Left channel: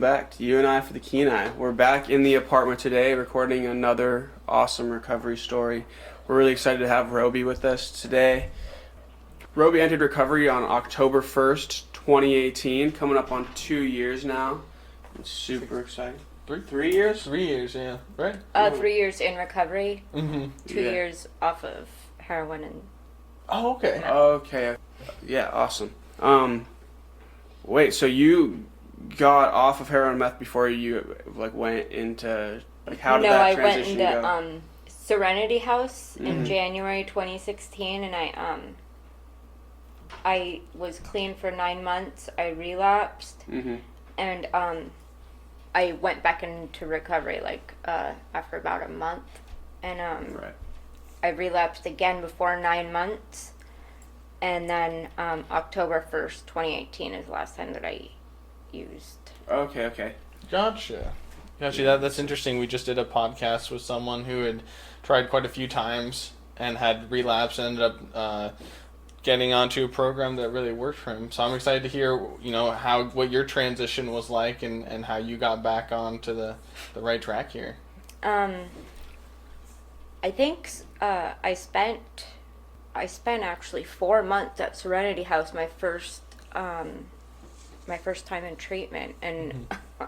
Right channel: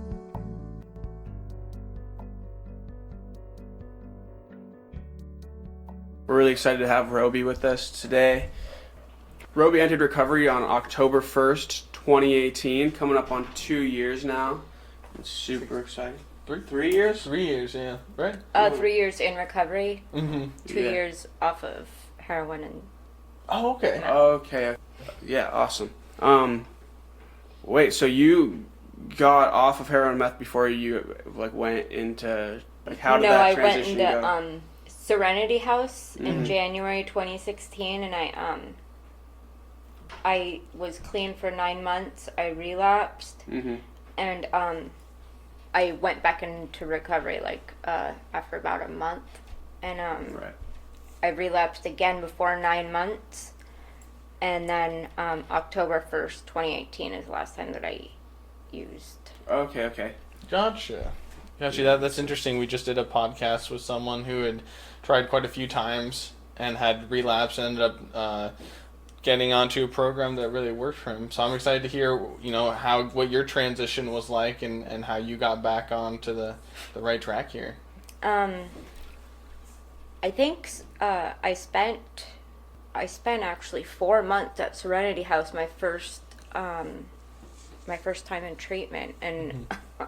welcome back to You and I for the Kenai. We're back in the apartment today recording another awesome recovery story. We're really excited to have Robi with us today. Robi entered recovery on October 1st, 2018, coming up on 2 years now. It's super exciting. 3 years? 3 years, yeah. Right? 3 years in recovery. Mm-hmm. 2 years off of heroin and... Oh, okay. Okay. Yeah, awesome. Wait, so you got off of heroin and meth before you went into how did that transition go? No, I went into Serenity House in January 2016, and I was clean for 9 months. I relapsed, and I went back into recovery after about a month, and I relapsed again before 9 months, and then October 1st, 2018 is the last time that I used. Okay. Gotcha. That's interesting. We just did a podcast with someone who had tried quite a few times and had relapsed and ended up getting onto a program that really worked for him. So I'm excited to hear, what your transition was like and how you got back onto the right track here. I think I spent actually 4 months at Serenity House, my first time in treatment, and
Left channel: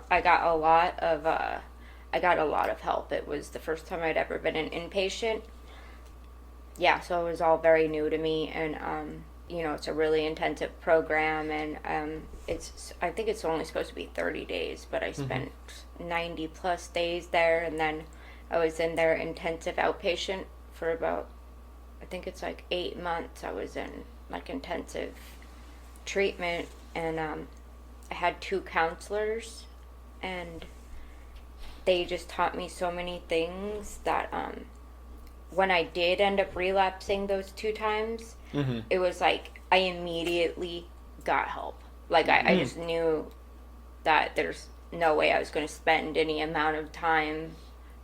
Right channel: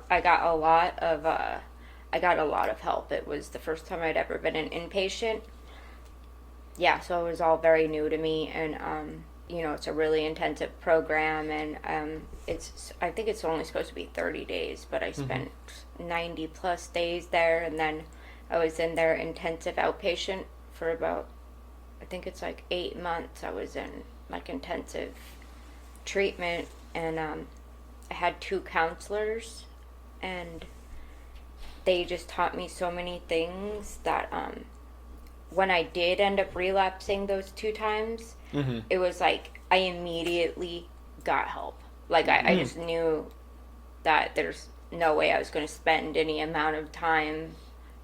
I got a lot of help. It was the first time I'd ever been an inpatient. Yeah, so it was all very new to me, and it's a really intensive program, and I think it's only supposed to be 30 days, but I spent 90 plus days there, and then I was in their intensive outpatient for about, I think it's 8 months. I was in intensive treatment, and I had 2 counselors, and they just taught me so many things that when I did end up relapsing those 2 times, it was I immediately got help. I just knew that there's no way I was going to spend any amount of time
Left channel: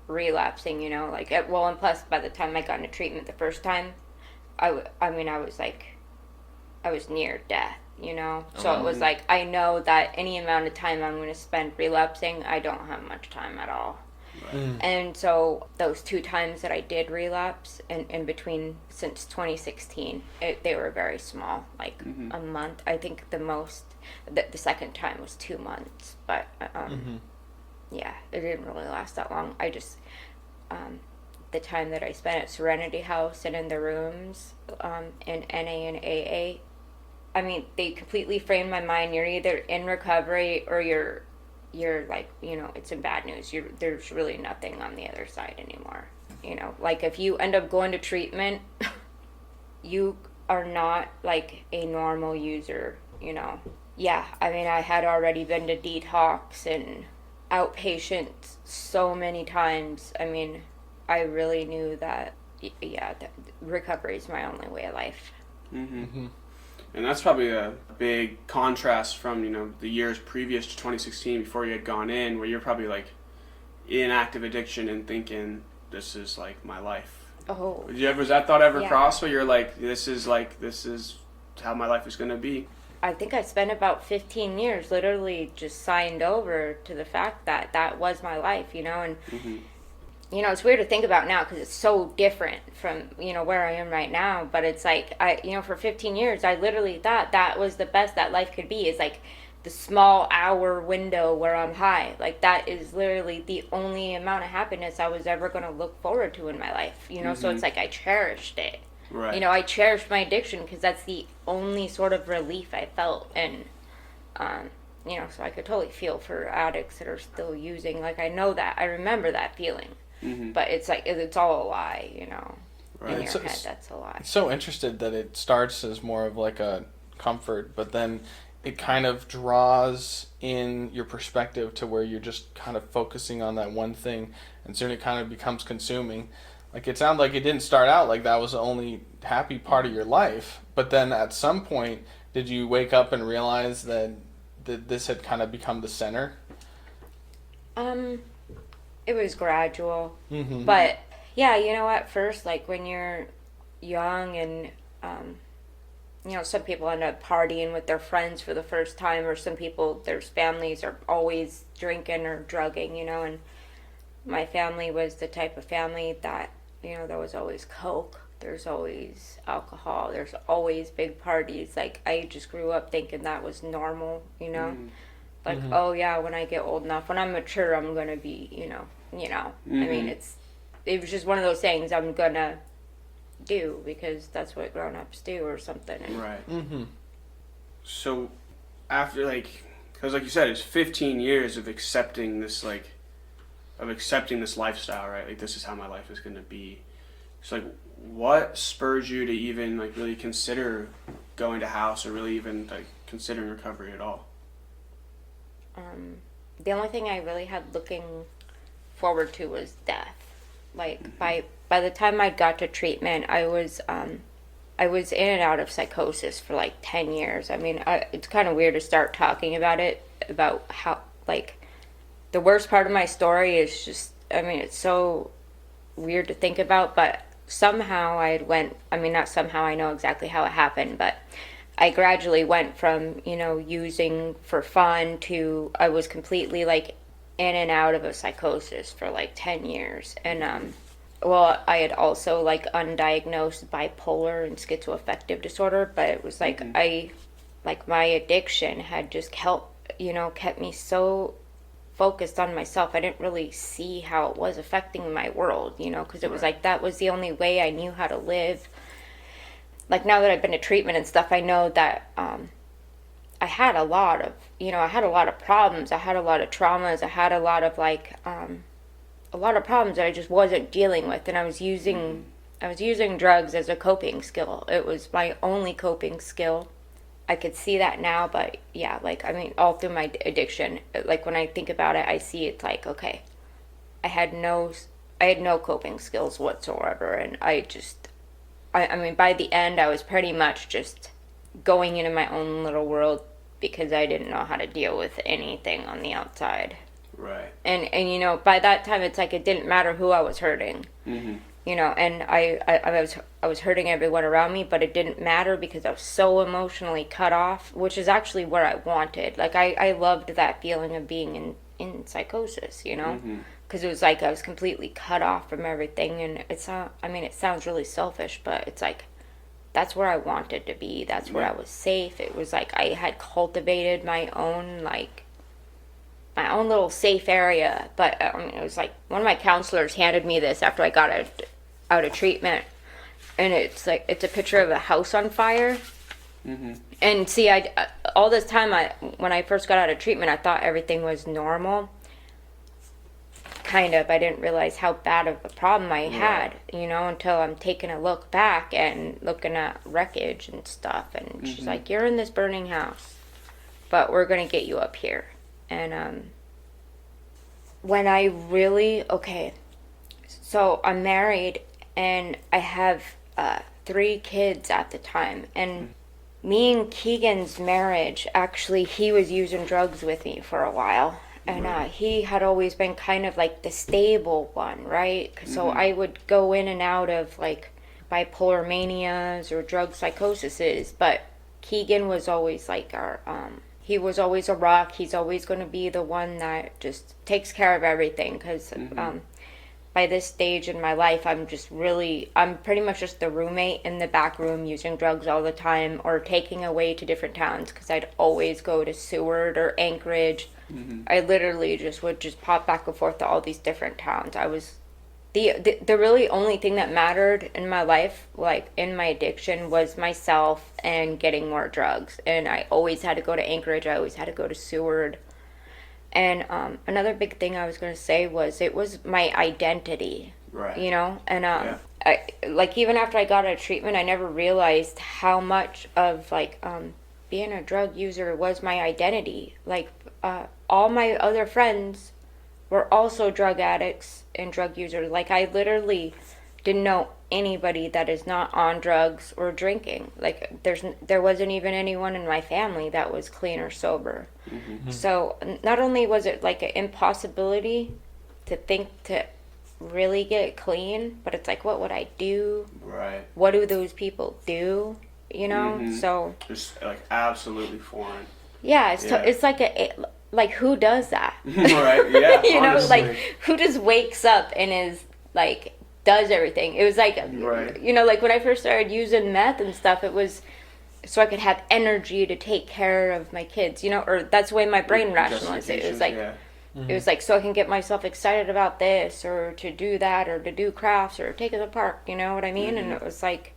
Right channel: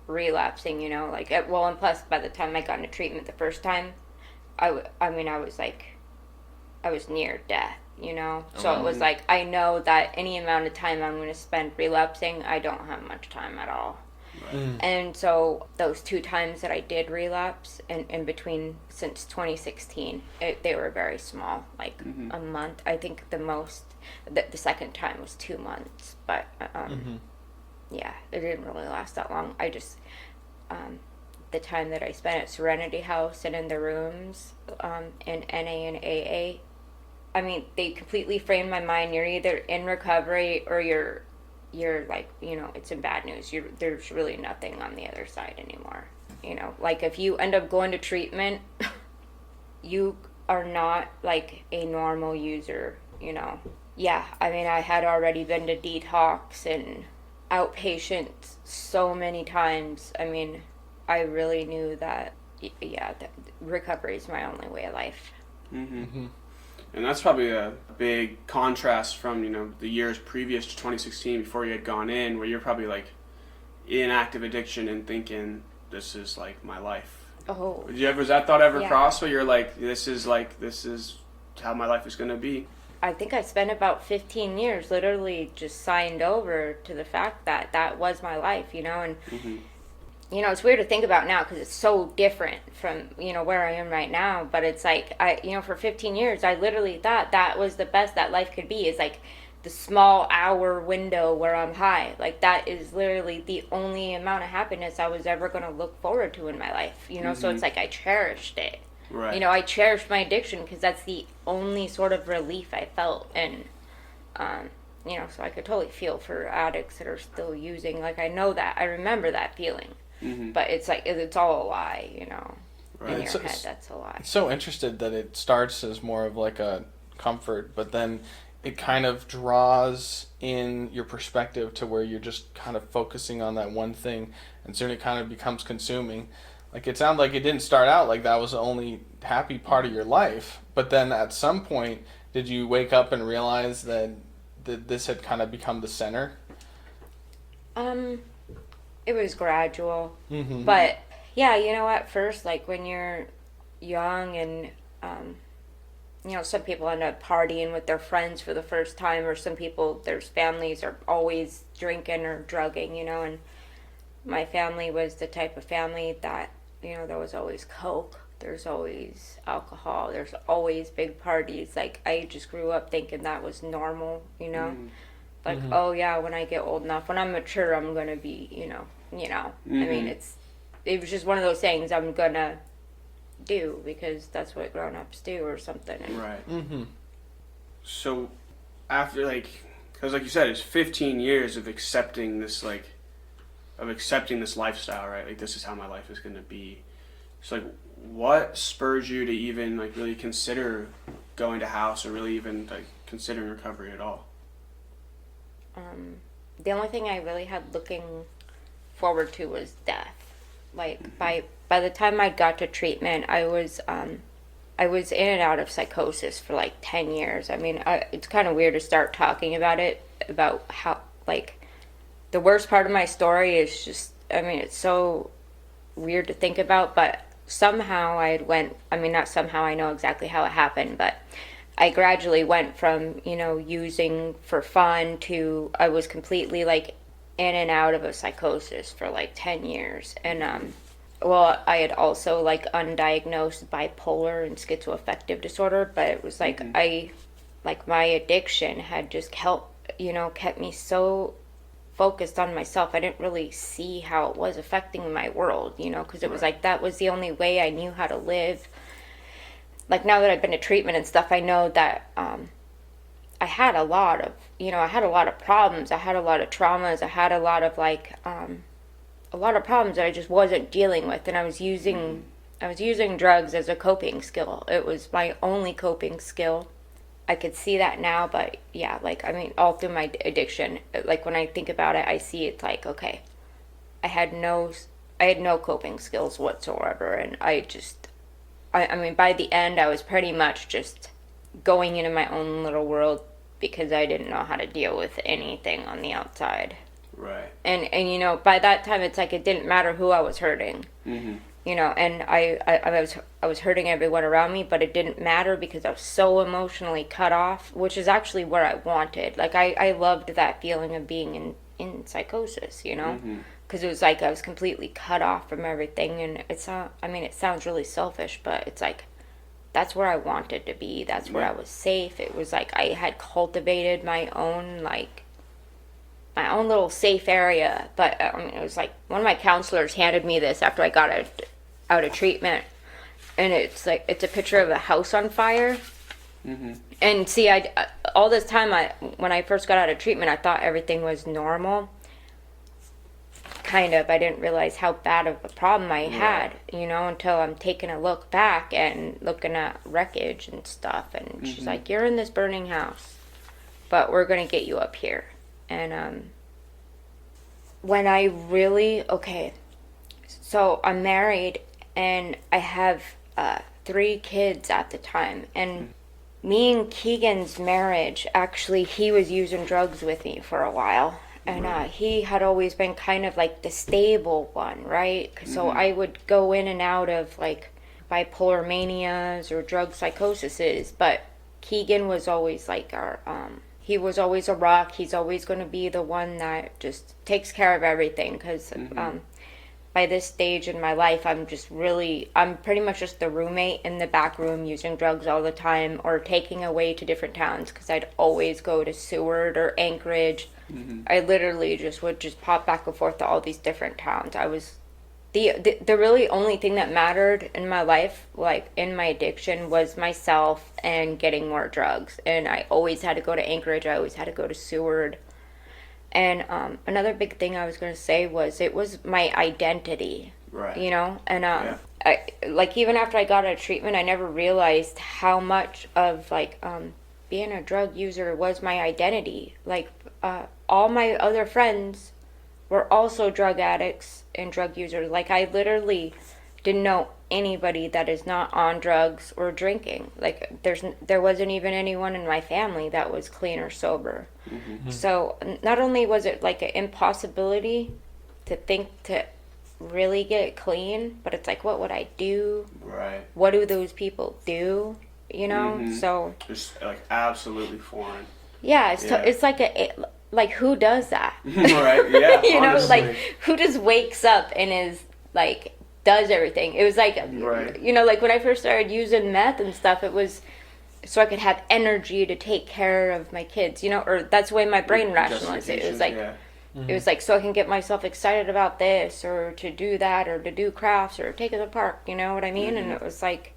relapsing, and plus by the time I got into treatment the first time, I was near death, so it was I know that any amount of time I'm going to spend relapsing, I don't have much time at all. And so those 2 times that I did relapse in between since 2016, they were very small, a month. I think the second time was 2 months, but yeah, it didn't really last that long. I just the time that I spent at Serenity House and in the rooms in NA and AA, they completely framed my mind. You're either in recovery or you're it's in bad news. There's really nothing on the other side anymore. If you end up going to treatment, you are not a normal user, Yeah, I had already been to detox and outpatient so many times. I really knew that, that recovery is my only way of life. And that's probably a big contrast from, the years previous to 2016 before you had gone in, where you're probably in active addiction and thinking, this is my life. Oh. Was that thought ever cross where you're this is how my life is going to be? I think I spent about 15 years literally just signed over to the fact that that was my life, and it's weird to think about now because it's so different from, where I am right now. But it's for 15 years, I literally thought that was the best that life could be, is the small hour window where I'm high. That is literally the only amount of happiness I was ever going to look forward to in my life, So it's I cherished it. Right. I cherished my addiction because that's the only sort of relief I felt. And, so I could totally feel for addicts that are still using. I know that. I remember that feeling. But it's it's all a lie, Right. In your head, that's a lie. So interested that it starts as more of a comfort, but then it kind of draws in your perspective to where you're just kind of focusing on that one thing, and soon it kind of becomes consuming. It sounded like it didn't start out that was the only happy part of your life, but then at some point, did you wake up and realize that this had kind of become the center? It was gradual, but yeah, at first, when you're young and you know, some people end up partying with their friends for the first time, or some people, their families are always drinking or drugging, you know, and my family was the type of family that, you know, there was always Coke, there's always alcohol, there's always big parties. Like, I just grew up thinking that was normal, you know? Like, oh yeah, when I get old enough, when I'm mature, I'm gonna be, you know. I mean, it was just one of those things I'm gonna do because that's what grown-ups do or something. And right. So after, like, because like you said, it's 15 years of accepting this, like, lifestyle, right? Like, this is how my life is gonna be. So, like, what spurs you to even, like, really consider going to house, or really even, like, considering recovery at all? The only thing I really had looking forward to was death. Like, by the time I got to treatment, I was in and out of psychosis for like 10 years. I mean, it's kind of weird to start talking about it, about how, like, the worst part of my story is just, I mean, it's so weird to think about, but somehow not somehow, I know exactly how it happened, but I gradually went from, you know, using for fun to, I was completely, like, in and out of a psychosis for like 10 years. And, I had also, like, undiagnosed bipolar and schizoaffective disorder, but it was like, my addiction had just kept me so focused on myself. I didn't really see how it was affecting my world, you know, because it was like, that was the only way I knew how to live. Like, now that I've been to treatment and stuff, I know that I had a lot of problems. I had a lot of traumas. I had a lot of problems that I just wasn't dealing with, and I was using drugs as a coping skill. It was my only coping skill. I could see that now, but yeah, like, I mean, all through my addiction, like, when I think about it, I see it's like, okay, I had no coping skills whatsoever, and I mean, by the end, I was pretty much just going into my own little world because I didn't know how to deal with anything on the outside. Right. And you know, by that time, it's like it didn't matter who I was hurting. You know, and I was hurting everyone around me, but it didn't matter because I was so emotionally cut off, which is actually where I wanted. Like, I loved that feeling of being in psychosis, you know? Because it was like I was completely cut off from everything, and it sounds really selfish, but it's like, that's where I wanted to be. That's where I was safe. It was like I had cultivated my own little safe area. But I mean, it was like, one of my counselors handed me this after I got out of treatment, and it's like, it's a picture of a house on fire. And see, all this time, when I first got out of treatment, I thought everything was normal. Kind of. I didn't realize how bad of a problem I had, you know, until I'm taking a look back and looking at wreckage and stuff. And she's like, you're in this burning house, but we're going to get you up here. And when I really, so I'm married and I have 3 kids at the time. And me and Keegan's marriage, actually, he was using drugs with me for a while. And he had always been kind of like the stable one, right? So I would go in and out of, like, bipolar manias or drug psychoses. But Keegan was always like he was always a rock. He's always going to be the one that just takes care of everything. Because by this stage in my life, I'm pretty much just the roommate in the back room using drugs all the time, or taking away to different towns, because I'd always go to Seward or Anchorage. I literally would pop back and forth to all these different towns. I was the really only thing that mattered in my life, like in my addiction, was myself and getting more drugs. And I always had to go to Anchorage. I always had to go to Seward. And another big thing I was going to say was, it was my identity. Right. You know, and I, like, even after I got out of treatment, I never realized how much of, like, being a drug user was my identity. Like, all my other friends were also drug addicts and drug users. Like, I literally didn't know anybody that is not on drugs or drinking. Like, there wasn't even anyone in my family that was clean or sober. So not only was it like an impossibility to think to really get clean, but it's like, what would I do? Right. What do those people do? you know? So just like absolutely foreign. yeah, it's like who does that? Right, yeah. You know, honestly. like who just wakes up and is like does everything. It was like Right. you know, like when I first started using meth and stuff, it was so I could have energy to take care of my kids, you know, or that's the way my brain rationalized it. It was like it was like so I can get myself excited about this or to do that or to do crafts or take it to the park, you know what I mean? And it was like,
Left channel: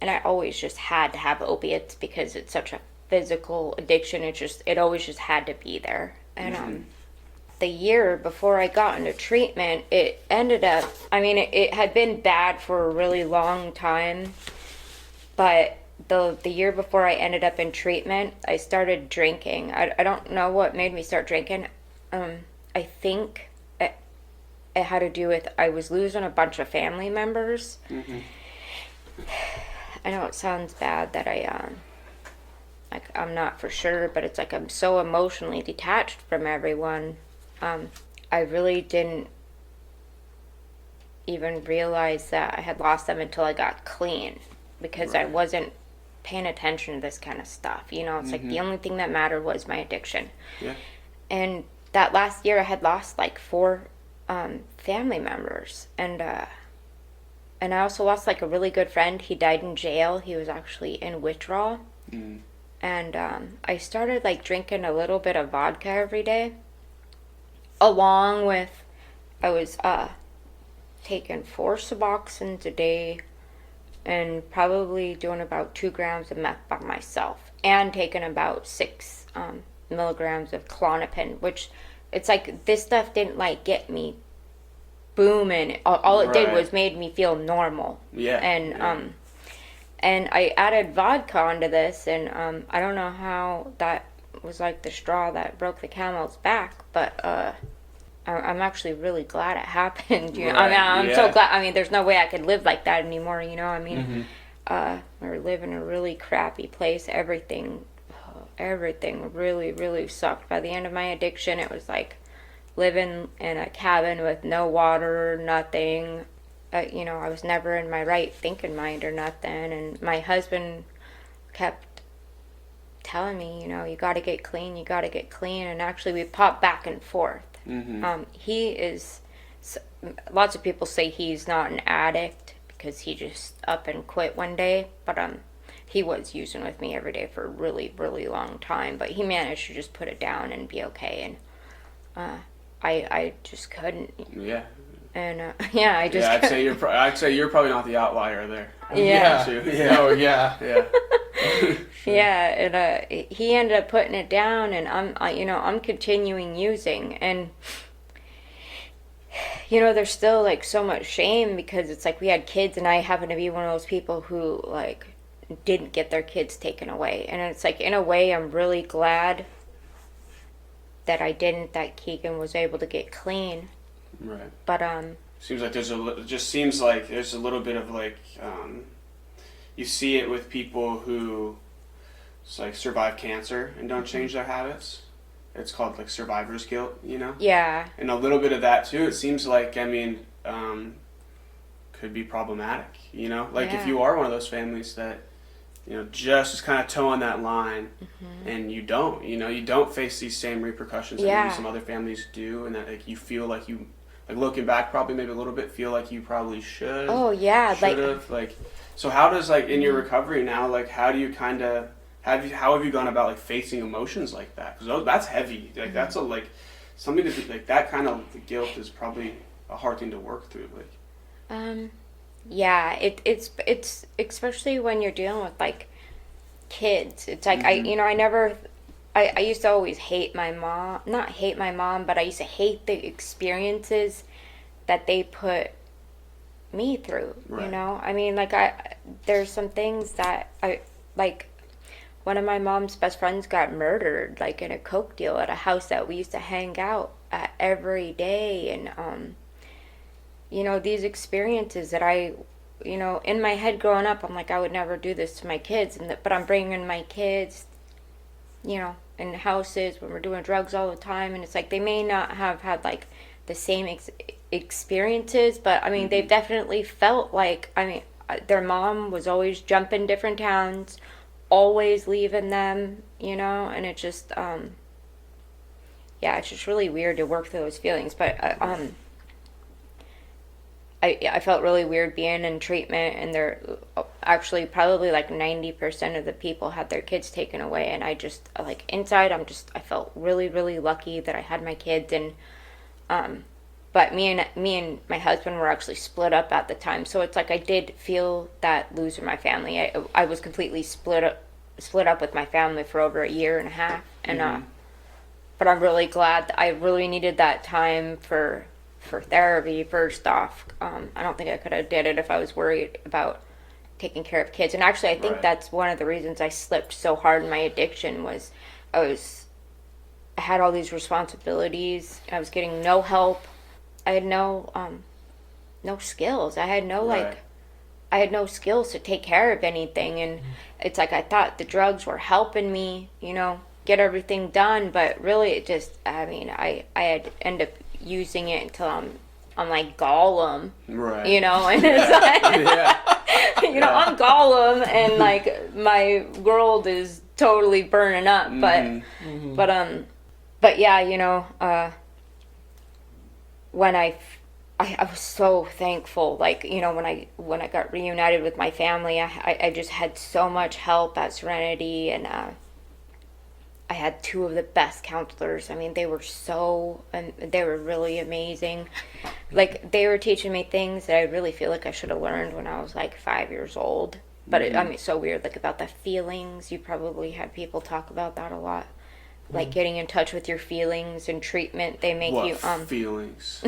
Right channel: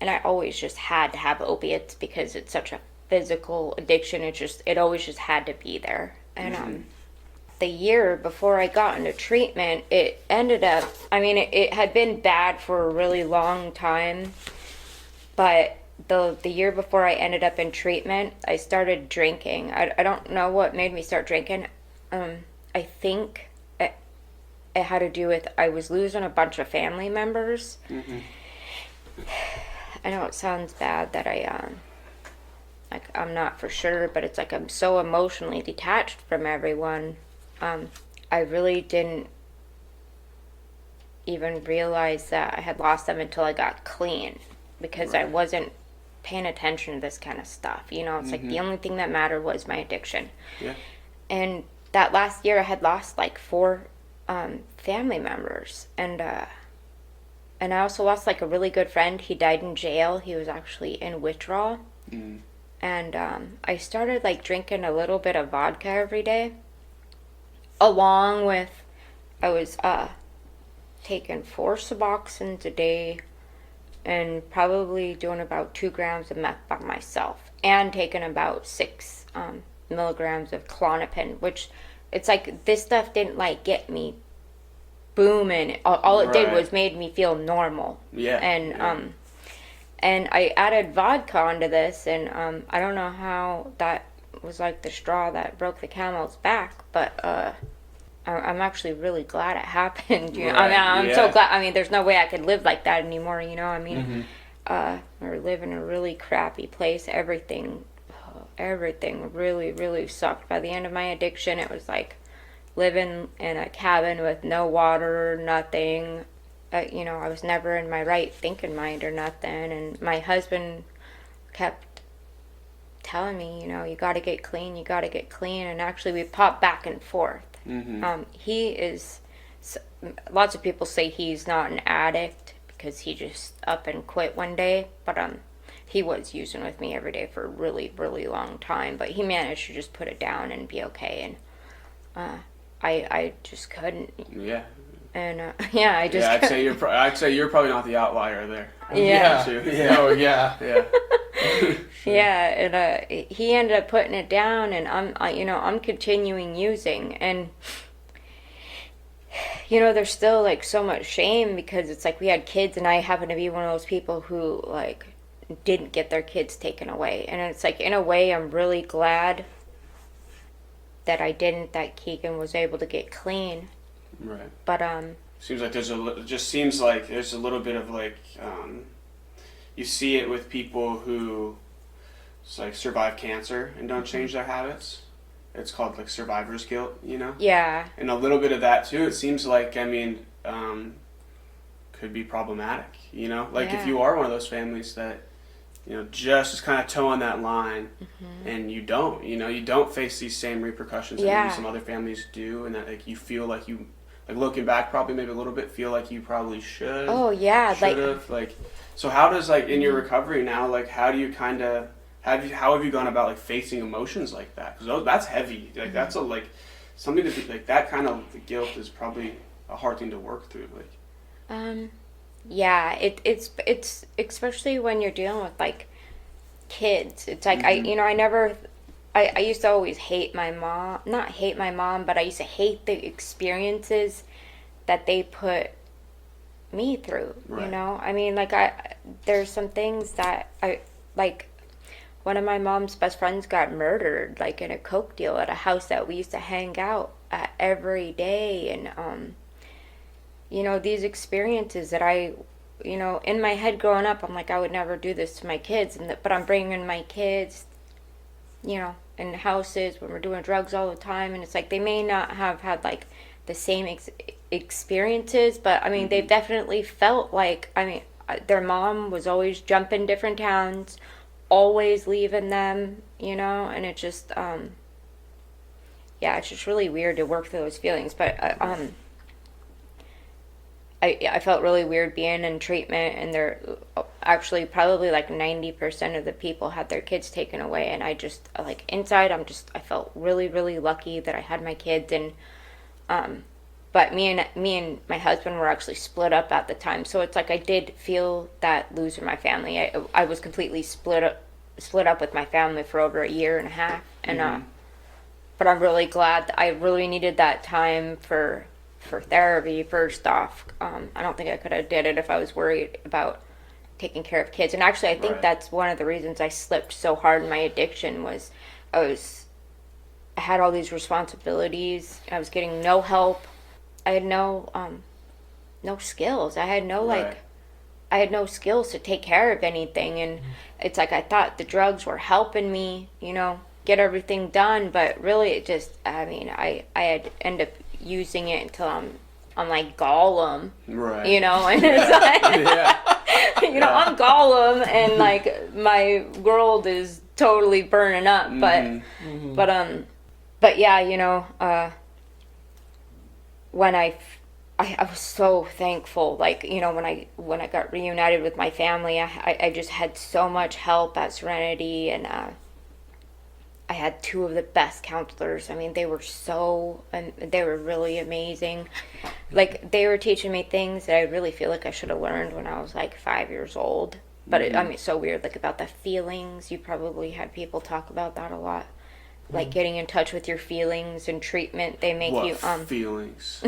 and I always just had to have opiates because it's such a physical addiction. It always just had to be there. And the year before I got into treatment, it ended up, I mean, it had been bad for a really long time, but the year before I ended up in treatment, I started drinking. I don't know what made me start drinking. I think it had to do with I was losing a bunch of family members. I know it sounds bad that like I'm not for sure, but it's like I'm so emotionally detached from everyone. I really didn't even realize that I had lost them until I got clean because I wasn't paying attention to this kind of stuff. You know, it's like the only thing that mattered was my addiction. Yeah. And that last year I had lost like 4 family members. And I also lost like a really good friend. He died in jail. He was actually in withdrawal. And I started like drinking a little bit of vodka every day. Along with, I was taking 4 Suboxones a day and probably doing about 2 grams of meth by myself. And taking about 6 milligrams of Klonopin, which it's like this stuff didn't like get me booming. All it did was made me feel normal. Yeah. And I added vodka onto this, and I don't know how that was like the straw that broke the camel's back, but I'm actually really glad it happened. You know? I mean, I'm so glad. I mean, there's no way I could live like that anymore. You know, I mean, we live in a really crappy place. Everything really, really sucked. By the end of my addiction, it was like living in a cabin with no water, nothing. You know, I was never in my right thinking mind or nothing. And my husband kept telling me, you know, you got to get clean, you got to get clean. And actually, we popped back and forth. He is, lots of people say he's not an addict because he just up and quit one day. But he was using with me every day for a really, really long time. But he managed to just put it down and be okay. And I just couldn't. Yeah. And I just. Yeah, I'd say you're probably not the outlier there. Yeah. Yeah. Yeah, and he ended up putting it down, and I'm continuing using, and you know, there's still like so much shame because it's like we had kids, and I happen to be one of those people who like didn't get their kids taken away, and it's like in a way I'm really glad that I didn't, that Keegan was able to get clean. Right. But seems like it just seems like there's a little bit of like you see it with people who like survive cancer and don't change their habits. It's called like survivor's guilt, you know? Yeah. And a little bit of that too. It seems like, I mean, could be problematic, you know? Like if you are one of those families that, you know, just is kind of toeing that line and you don't face these same repercussions that maybe some other families do, and that like you feel like you, like looking back probably maybe a little bit, feel like you probably should. Oh yeah. Like, so how does like in your recovery now, like how do you kind of, how have you gone about like facing emotions like that? Because that's heavy. Like that's a like something to be like that kind of guilt is probably a hard thing to work through. Like. Yeah, it's especially when you're dealing with like kids. It's like I used to always hate my mom. Not hate my mom, but I used to hate the experiences that they put me through. Right. You know, I mean, like there's some things that I like. One of my mom's best friends got murdered, like in a coke deal at a house that we used to hang out at every day, and you know, these experiences that I, you know, in my head growing up, I'm like, I would never do this to my kids, but I'm bringing my kids, you know, in houses when we're doing drugs all the time, and it's like they may not have had like the same experiences, but I mean, they've definitely felt like, I mean, their mom was always jumping different towns, always leaving them, and it just, it's just really weird to work through those feelings. But I felt really weird being in treatment, and they're actually probably like 90% of the people had their kids taken away, and I just, like, inside I felt really, really lucky that I had my kids. And but me and my husband were actually split up at the time, so it's like I did feel that losing my family. I was completely split up with my family for over a year and a half, and but I'm really glad that I really needed that time for therapy. First off, I don't think I could have did it if I was worried about taking care of kids. And actually, I think that's one of the reasons I slipped so hard in my addiction was I had all these responsibilities. I was getting no help. I had no skills. I had no skills to take care of anything. And it's like I thought the drugs were helping me, get everything done. But really, it just, I had end up using it until I'm like Gollum, right? And it's like, I'm Gollum, and like my world is totally burning up. But yeah, when I was so thankful, like, when I got reunited with my family, I just had so much help at Serenity, and I had two of the best counselors. I mean, they were really amazing. Like, they were teaching me things that I really feel like I should have learned when I was like 5 years old. But it's so weird, like, about the feelings. You probably had people talk about that a lot. Like, getting in touch with your feelings and treatment. They make you feelings.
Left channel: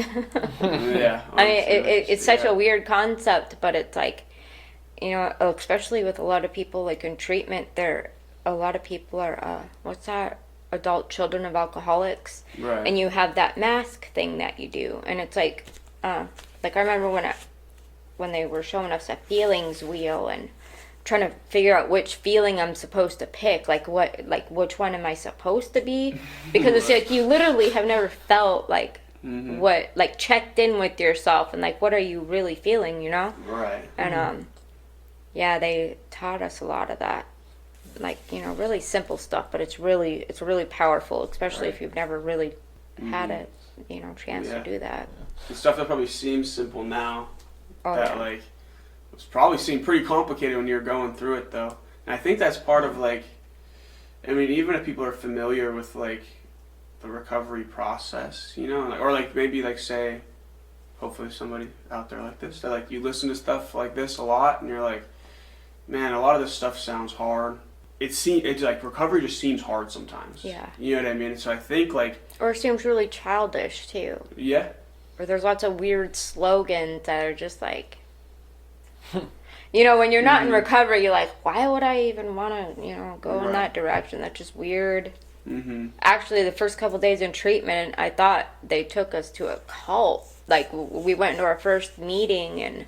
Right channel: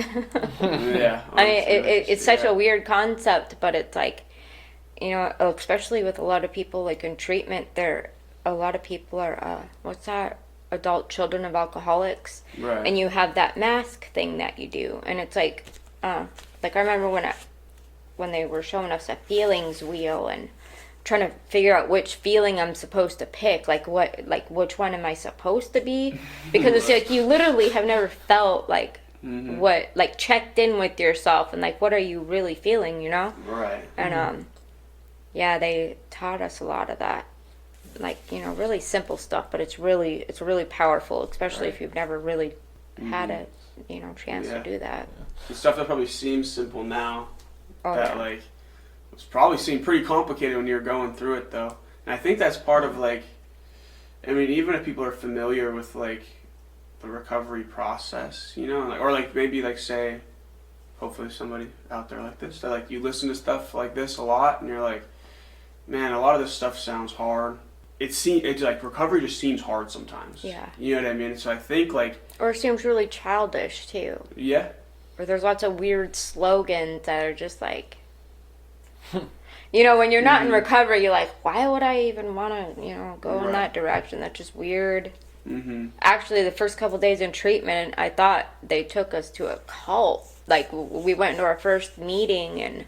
Yeah. I mean, it's such a weird concept, but it's like, especially with a lot of people like in treatment, a lot of people are adult children of alcoholics, right? And you have that mask thing that you do, and it's like I remember when they were showing us a feelings wheel and trying to figure out which feeling I'm supposed to pick, which one am I supposed to be, because it's like you literally have never felt like what, like, checked in with yourself and like what are you really feeling, right? And they taught us a lot of that, like, really simple stuff, but it's really powerful, especially if you've never really had a chance to do that. The stuff that probably seems simple now, like, it's probably seemed pretty complicated when you're going through it, though. And I think that's part of, like, even if people are familiar with, like, the recovery process, or like maybe, like, say, hopefully somebody out there like this, that, like, you listen to stuff like this a lot and you're like, man, a lot of this stuff sounds hard. It's like recovery just seems hard sometimes. Yeah. You know what I mean? So I think, like, or it seems really childish too. Yeah. Or there's lots of weird slogans that are just like, when you're not in recovery, you're like, why would I even want to, go in that direction? That's just weird. Actually, the first couple days in treatment, I thought they took us to a cult. Like, we went to our first meeting, and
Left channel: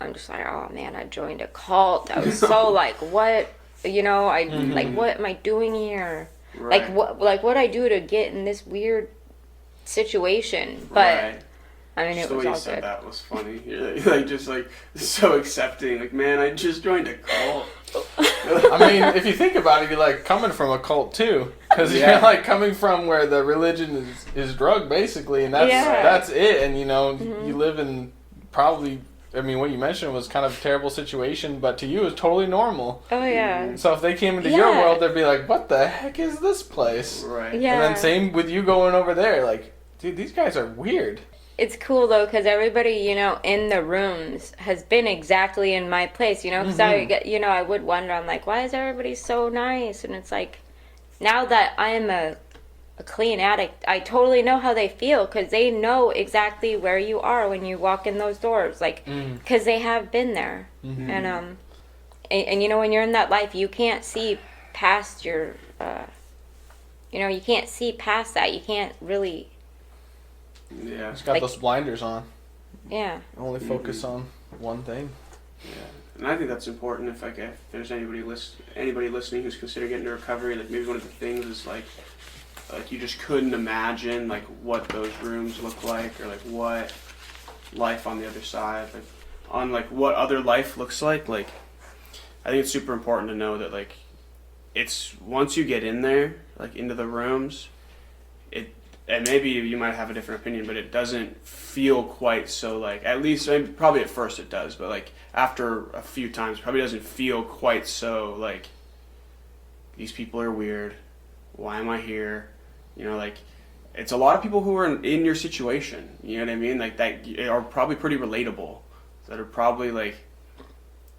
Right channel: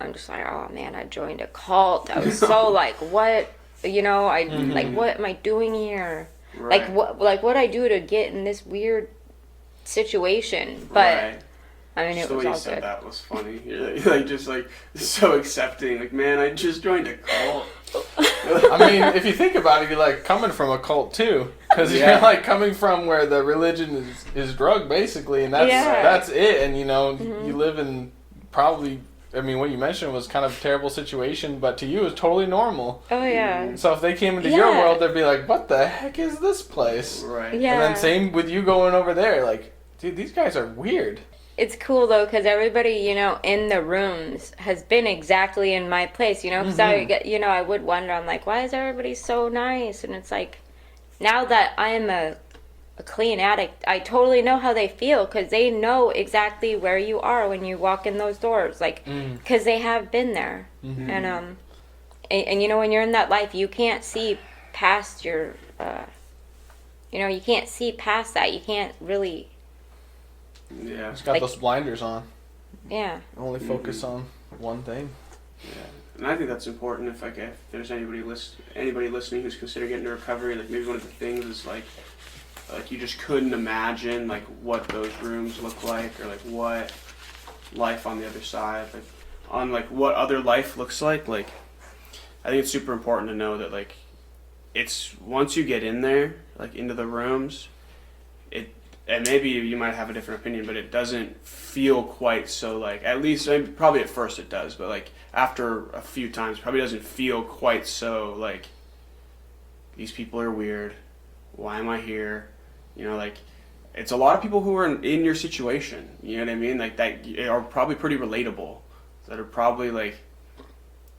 I'm just like, oh man, I joined a cult. I was so like, what? Like, what am I doing here? Right. What I do to get in this weird situation? But I mean, it was all good. The way you said that was funny. You're like just like so accepting. Like, man, I just joined a cult. I mean, if you think about it, you're like coming from a cult too, because you're like coming from where the religion is drug basically, and that's it. And you live in probably. I mean, what you mentioned was kind of a terrible situation, but to you, it's totally normal. Oh, yeah. So if they came into your world, they'd be like, what the heck is this place? Right. Yeah. And then same with you going over there. Like, dude, these guys are weird. It's cool, though, because everybody, in the rooms has been exactly in my place, because I would wonder, I'm like, why is everybody so nice? And it's like, now that I am a clean addict, I totally know how they feel, because they know exactly where you are when you walk in those doors, like, because they have been there. And when you're in that life, you can't see past your you can't see past that. You can't really it's got those blinders on. Only focus on one thing. And I think that's important. If there's anybody listening who's considering getting into recovery, like, maybe one of the things is like you just couldn't imagine, like, what those rooms look like, or like what life on the other side. Like, on like what other life looks like I think it's super important to know that like it's once you get in there, like into the rooms, and maybe you might have a different opinion, but it doesn't feel quite so like, at least probably at first it does, but like after a few times probably doesn't feel quite so like these people are weird, why am I here, you know, like it's a lot of people who are in your situation, you know what I mean, like that are probably pretty relatable, that are probably like,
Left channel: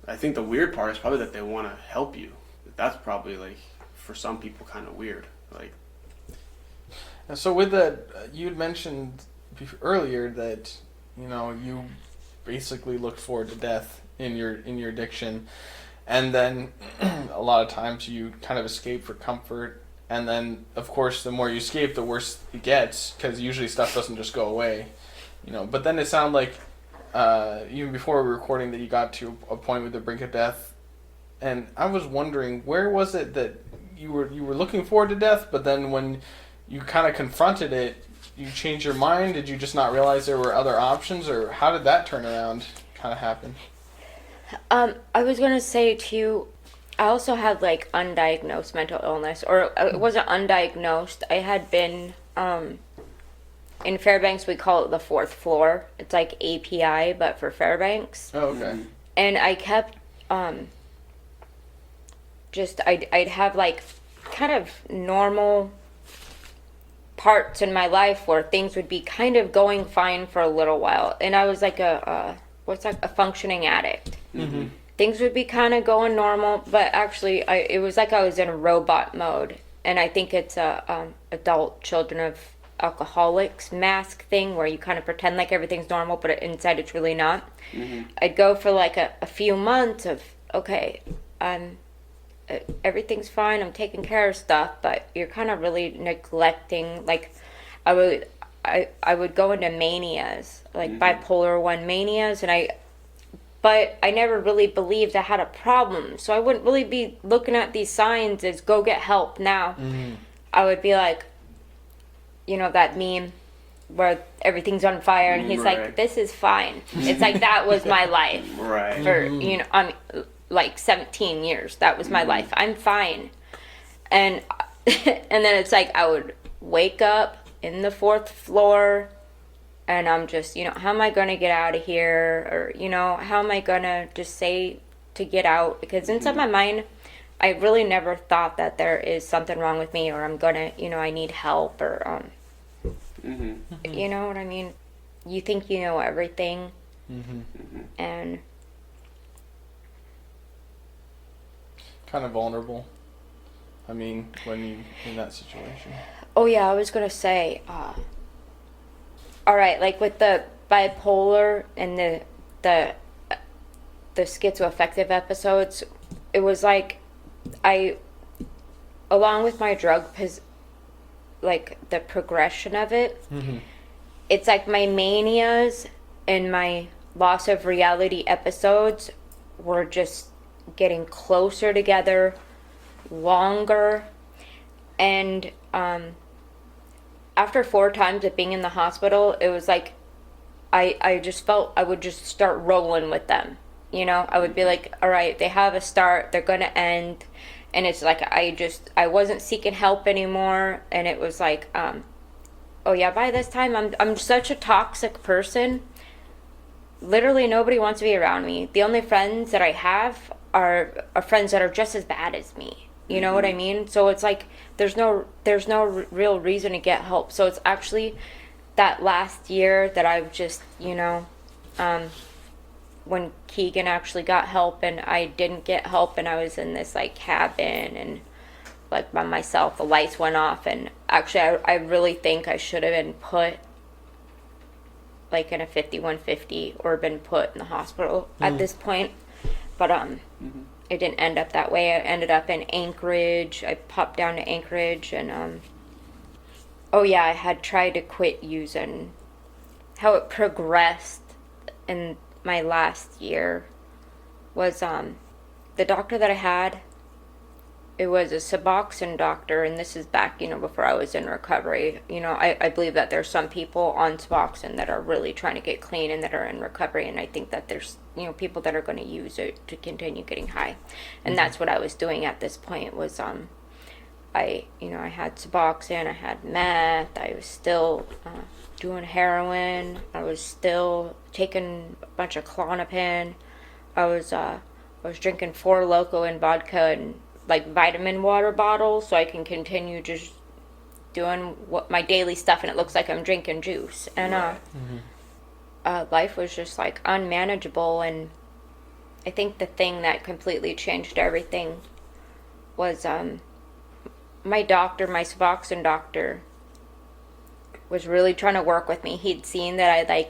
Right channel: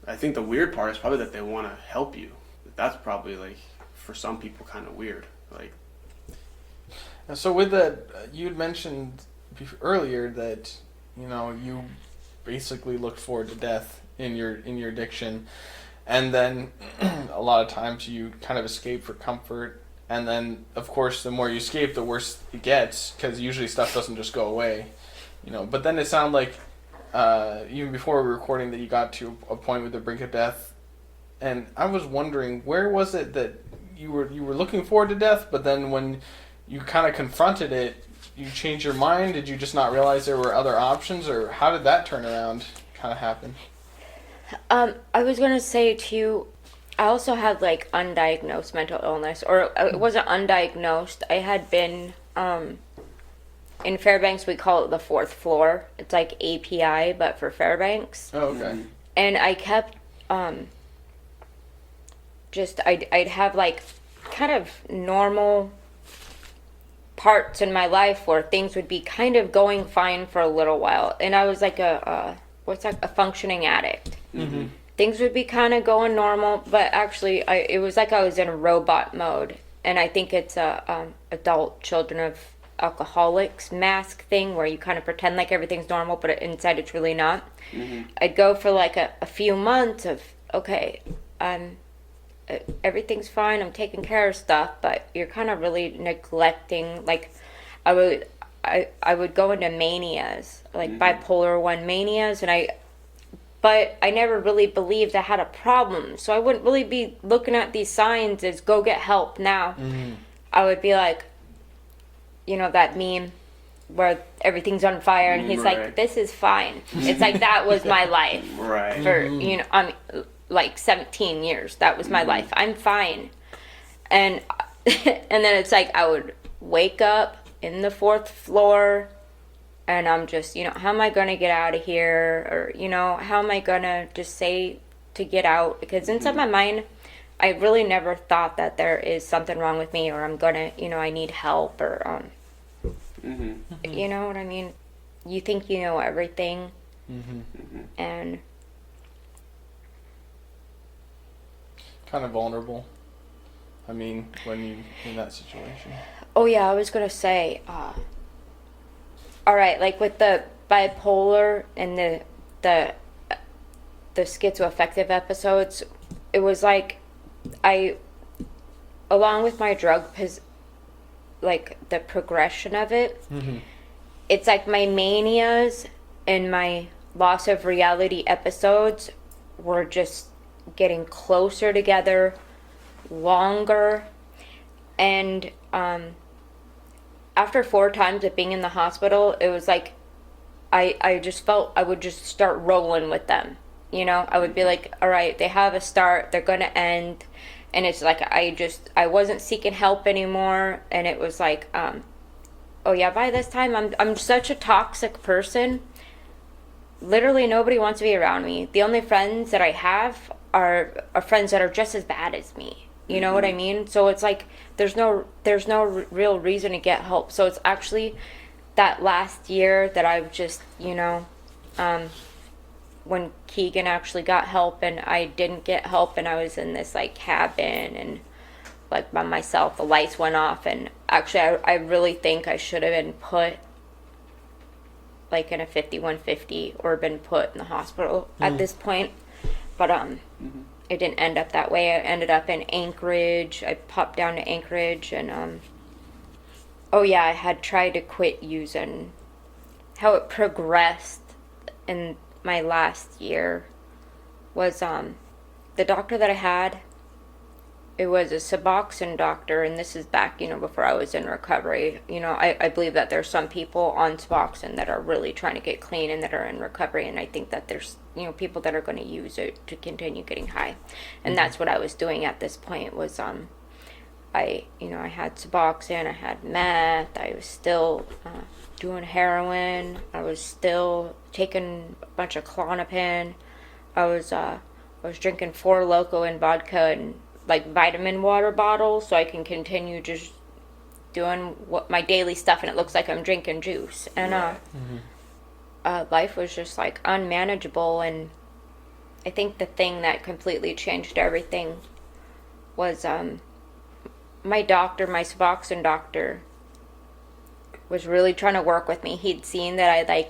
I think the weird part is probably that they want to help you. That's probably like for some people kind of weird, like. And so with that, you had mentioned earlier that, you know, you basically looked forward to death in your addiction, and then a lot of times you kind of escape for comfort, and then of course the more you escape, the worse it gets, because usually stuff doesn't just go away, you know. But then it sounded like even before we were recording that you got to a point with the brink of death, and I was wondering, where was it that you were looking forward to death, but then when you kind of confronted it, you changed your mind? Did you just not realize there were other options, or how did that turn around kind of happen? I was going to say to you, I also had like undiagnosed mental illness, or it wasn't undiagnosed. I had been, in Fairbanks we call it the fourth floor. It's like API, but for Fairbanks. Oh, okay. And I kept, I'd have like kind of normal parts in my life where things would be kind of going fine for a little while, and I was like a functioning addict. Mm-hmm. Things would be kind of going normal, but actually it was like I was in a robot mode, and I think it's a adult children of alcoholics mask thing where you kind of pretend like everything's normal, but inside it's really not. Mm-hmm. I'd go for like a few months of, okay, everything's fine, I'm taking care of stuff, but you're kind of really neglecting, like, I would go into manias, like bipolar 1 manias, but I never really believed I had a problem, so I wouldn't really be looking at these signs as go get help now. I would be like, you know, that meme where everything's on fire and he's like, this is fine. It's like that was my life for, you know, I mean, like 17 years. That was my life. I'm fine. And and then it's like I would wake up in the fourth floor and I'm just, you know, how am I going to get out of here? Or, you know, how am I going to just say to get out? Because inside my mind, I really never thought that there is something wrong with me or I'm going to, you know, I need help or, you know what I mean? You think you know everything. And kind of vulnerable. I mean, when you in that situation. Oh yeah, I was gonna say, all right, like with the bipolar and the schizoaffective episodes, it was like I, along with my drug, like the progression of it, it's like my manias and my loss of reality episodes were just getting closer together, longer, and after 4 times of being in the hospital, it was like I just felt I would just start rolling with them, you know. I would be like, all right, they have a start, they're gonna end, and it's like I wasn't seeking help anymore, and it was like oh yeah, by this time I'm such a toxic person. Literally nobody wants to be around me. The only friends that I have are friends that are just as bad as me. You know what I mean? So it's like there's no real reason to get help. So it's actually that last year that I've just, you know, when Keegan actually got help and I didn't get help and I was in this like cabin and like by myself, the lights went off, and actually I really think I should have been put like in a 5150 or been put in the hospital at this point. But it didn't end up that way. I ended up in Anchorage. I popped down to Anchorage and oh yeah, I had tried to quit using. How it progressed in my last year was the doctor that I had, it was a Suboxone doctor, and this is back, before I was in recovery. I believe that there's some people on Suboxone that are really trying to get clean and that are in recovery, and I think that there's, people that are going to use it to continue getting high. And that's what I was doing at this point was, I had Suboxone, I had meth, I was still doing heroin, I was still taking a bunch of Klonopin, I was drinking 4 Loco and vodka and like vitamin water bottles so I can continue just doing what my daily stuff, and it looks like I'm drinking juice. And life was just like unmanageable. And I think the thing that completely changed everything was my doctor, my Suboxone doctor, was really trying to work with me. He'd seen that I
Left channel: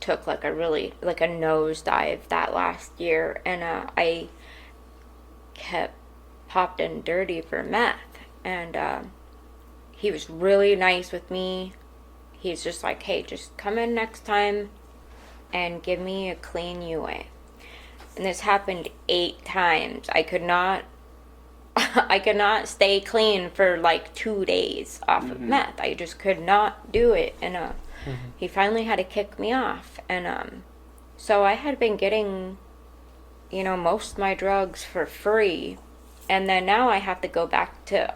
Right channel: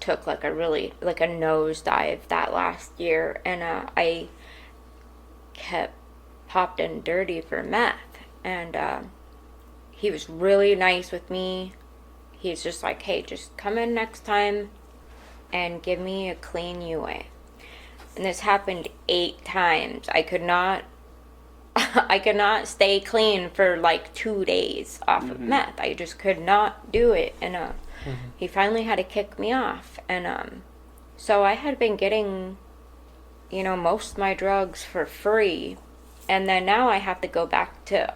took like a nosedive that last year, and I kept popped in dirty for meth. And he was really nice with me. He's just like, hey, just come in next time and give me a clean UA. And this happened 8 times. I could not stay clean for like 2 days off of meth. I just could not do it. And he finally had to kick me off. And so I had been getting, most of my drugs for free. And then now I have to go back to,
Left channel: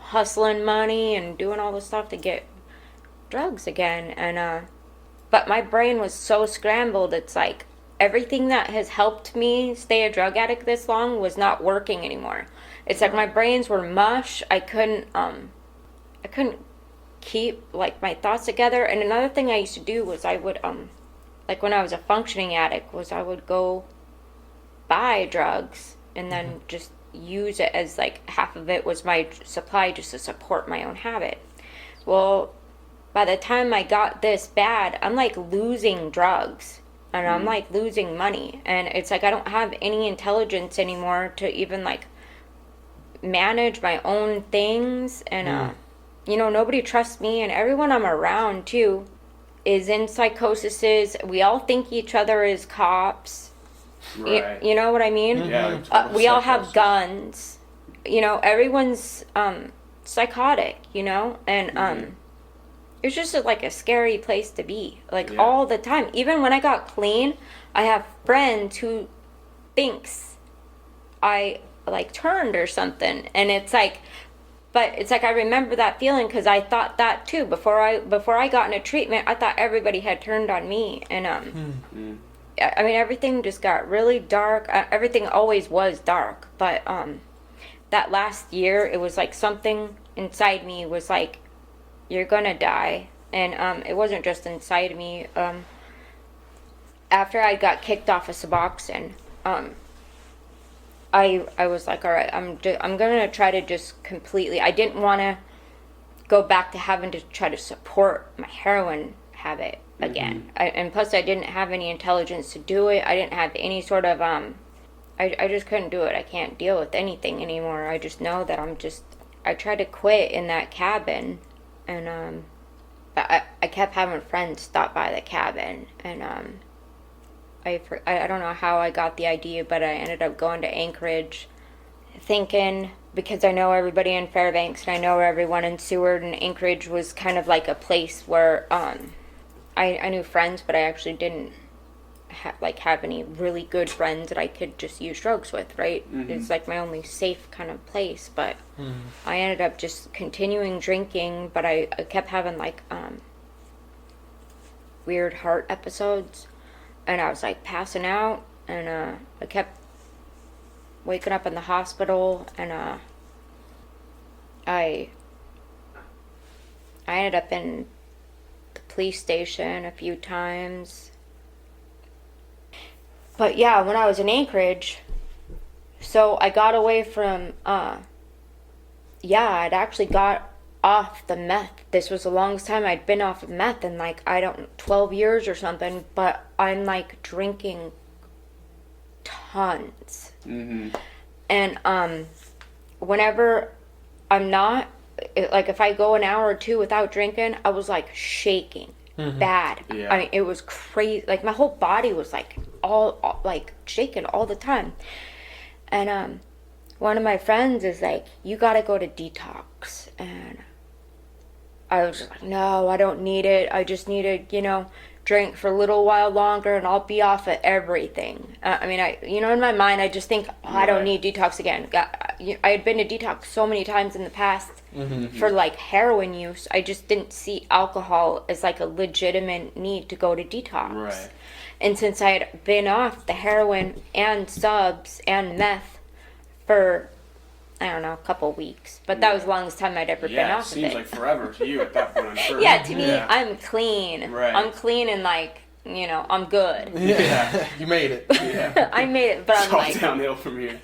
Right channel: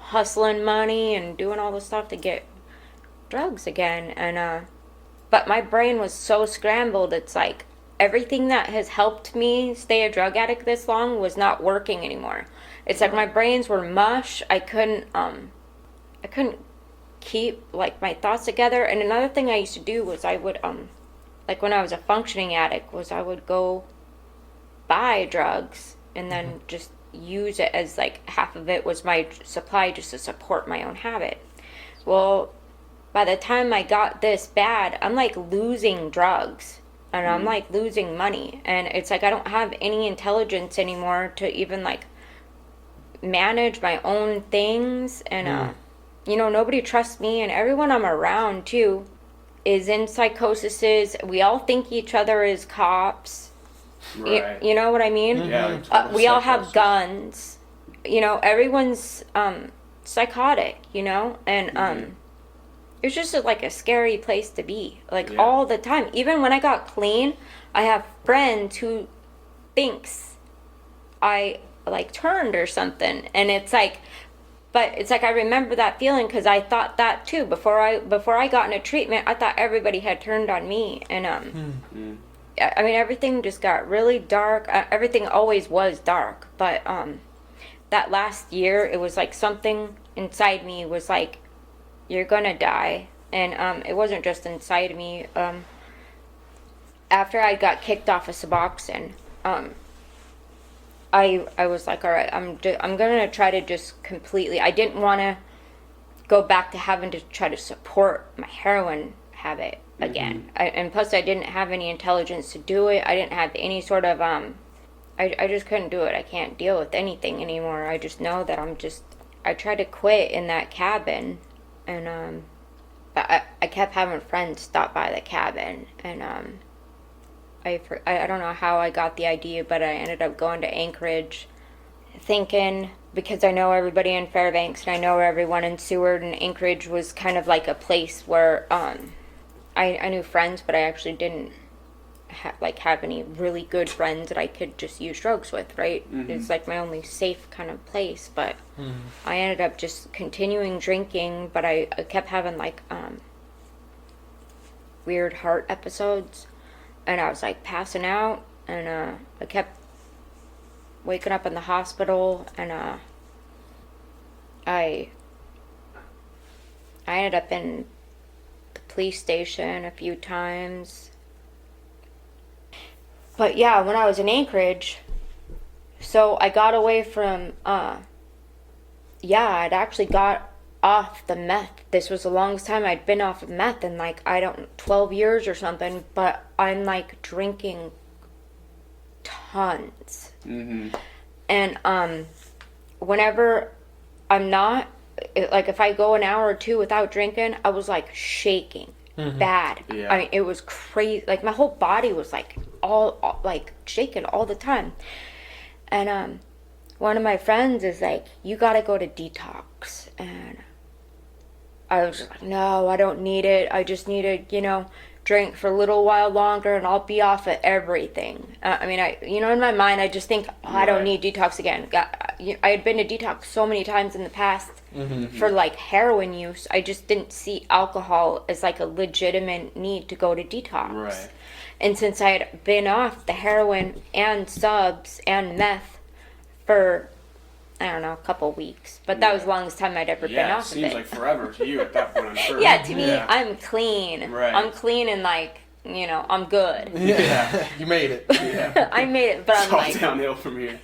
hustling money and doing all the stuff to get drugs again. And but my brain was so scrambled. It's like everything that has helped me stay a drug addict this long was not working anymore. It's like my brains were mush. I couldn't keep like my thoughts together. And another thing I used to do was I would like when I was a functioning addict was I would go buy drugs and then just use it as like half of it was my supply just to support my own habit. Well, by the time I got this bad, I'm like losing drugs and I'm like losing money, and it's like I don't have any intelligence anymore to even like manage my own things. And nobody trusts me, and everyone I'm around too is in psychoses. We all think each other is cops. Right. You know what I mean? Yeah. We all have guns. Everyone's psychotic, and it's just like a scary place to be, like all the time. Even when I got clean, I have friends who thinks I like turned or something, and it's like, but it's like I remember that feeling because I thought that too before I got into treatment. I thought everybody had turned on me, and I mean, everything just got really dark. Everything always was dark, but that last year, it was like something inside me was like, you're gonna die. And it wasn't just inside me. After I got kicked off of Suboxone, I was like, all right, I'm gonna try to just completely. I didn't want to go back to having to try to support my heroin habit again. And plus I didn't have any intelligence to do it. I didn't have any sort of I just couldn't do it. I can't deal with anything anymore. I just know that I tried to quit in that cabin, and I kept having friends stop by the cabin, and I don't know how I got the idea, but I ended up going to Anchorage thinking, because I know everybody in Fairbanks and I know everyone in Seward, and Anchorage was kind of like a place where I knew friends, but I actually didn't have any really good friends that I could just use drugs with, right? It's like my only safe kind of place, but I ended up just continuing drinking, but I kept having like weird heart episodes, and I was like passing out, and I kept waking up in the hospital, and I ended up in the police station a few times. But yeah, when I was in Anchorage, so I got away from, I'd actually got off the meth. This was the longest time I'd been off of meth in 12 years or something, but I'm like drinking tons. And whenever I'm not, like if I go an hour or two without drinking, I was like shaking bad. I mean, it was crazy. Like my whole body was like all like shaking all the time. And one of my friends is like, you gotta go to detox. And I was like, no, I don't need it. I just need to, drink for a little while longer and I'll be off of everything. In my mind, I just think, I don't need detox again. I had been to detox so many times in the past for like heroin use. I just didn't see alcohol as like a legitimate need to go to detox. Right. And since I had been off the heroin and subs and meth for, I don't know, a couple weeks. But that was the longest time I'd ever been off of it. Yeah, it seems like forever to you at that point, I'm sure. Yeah, to me, I'm clean. Right. I'm clean and like, I'm good. Yeah, you made it. Yeah. I made it, but It's I'm all like... downhill from here.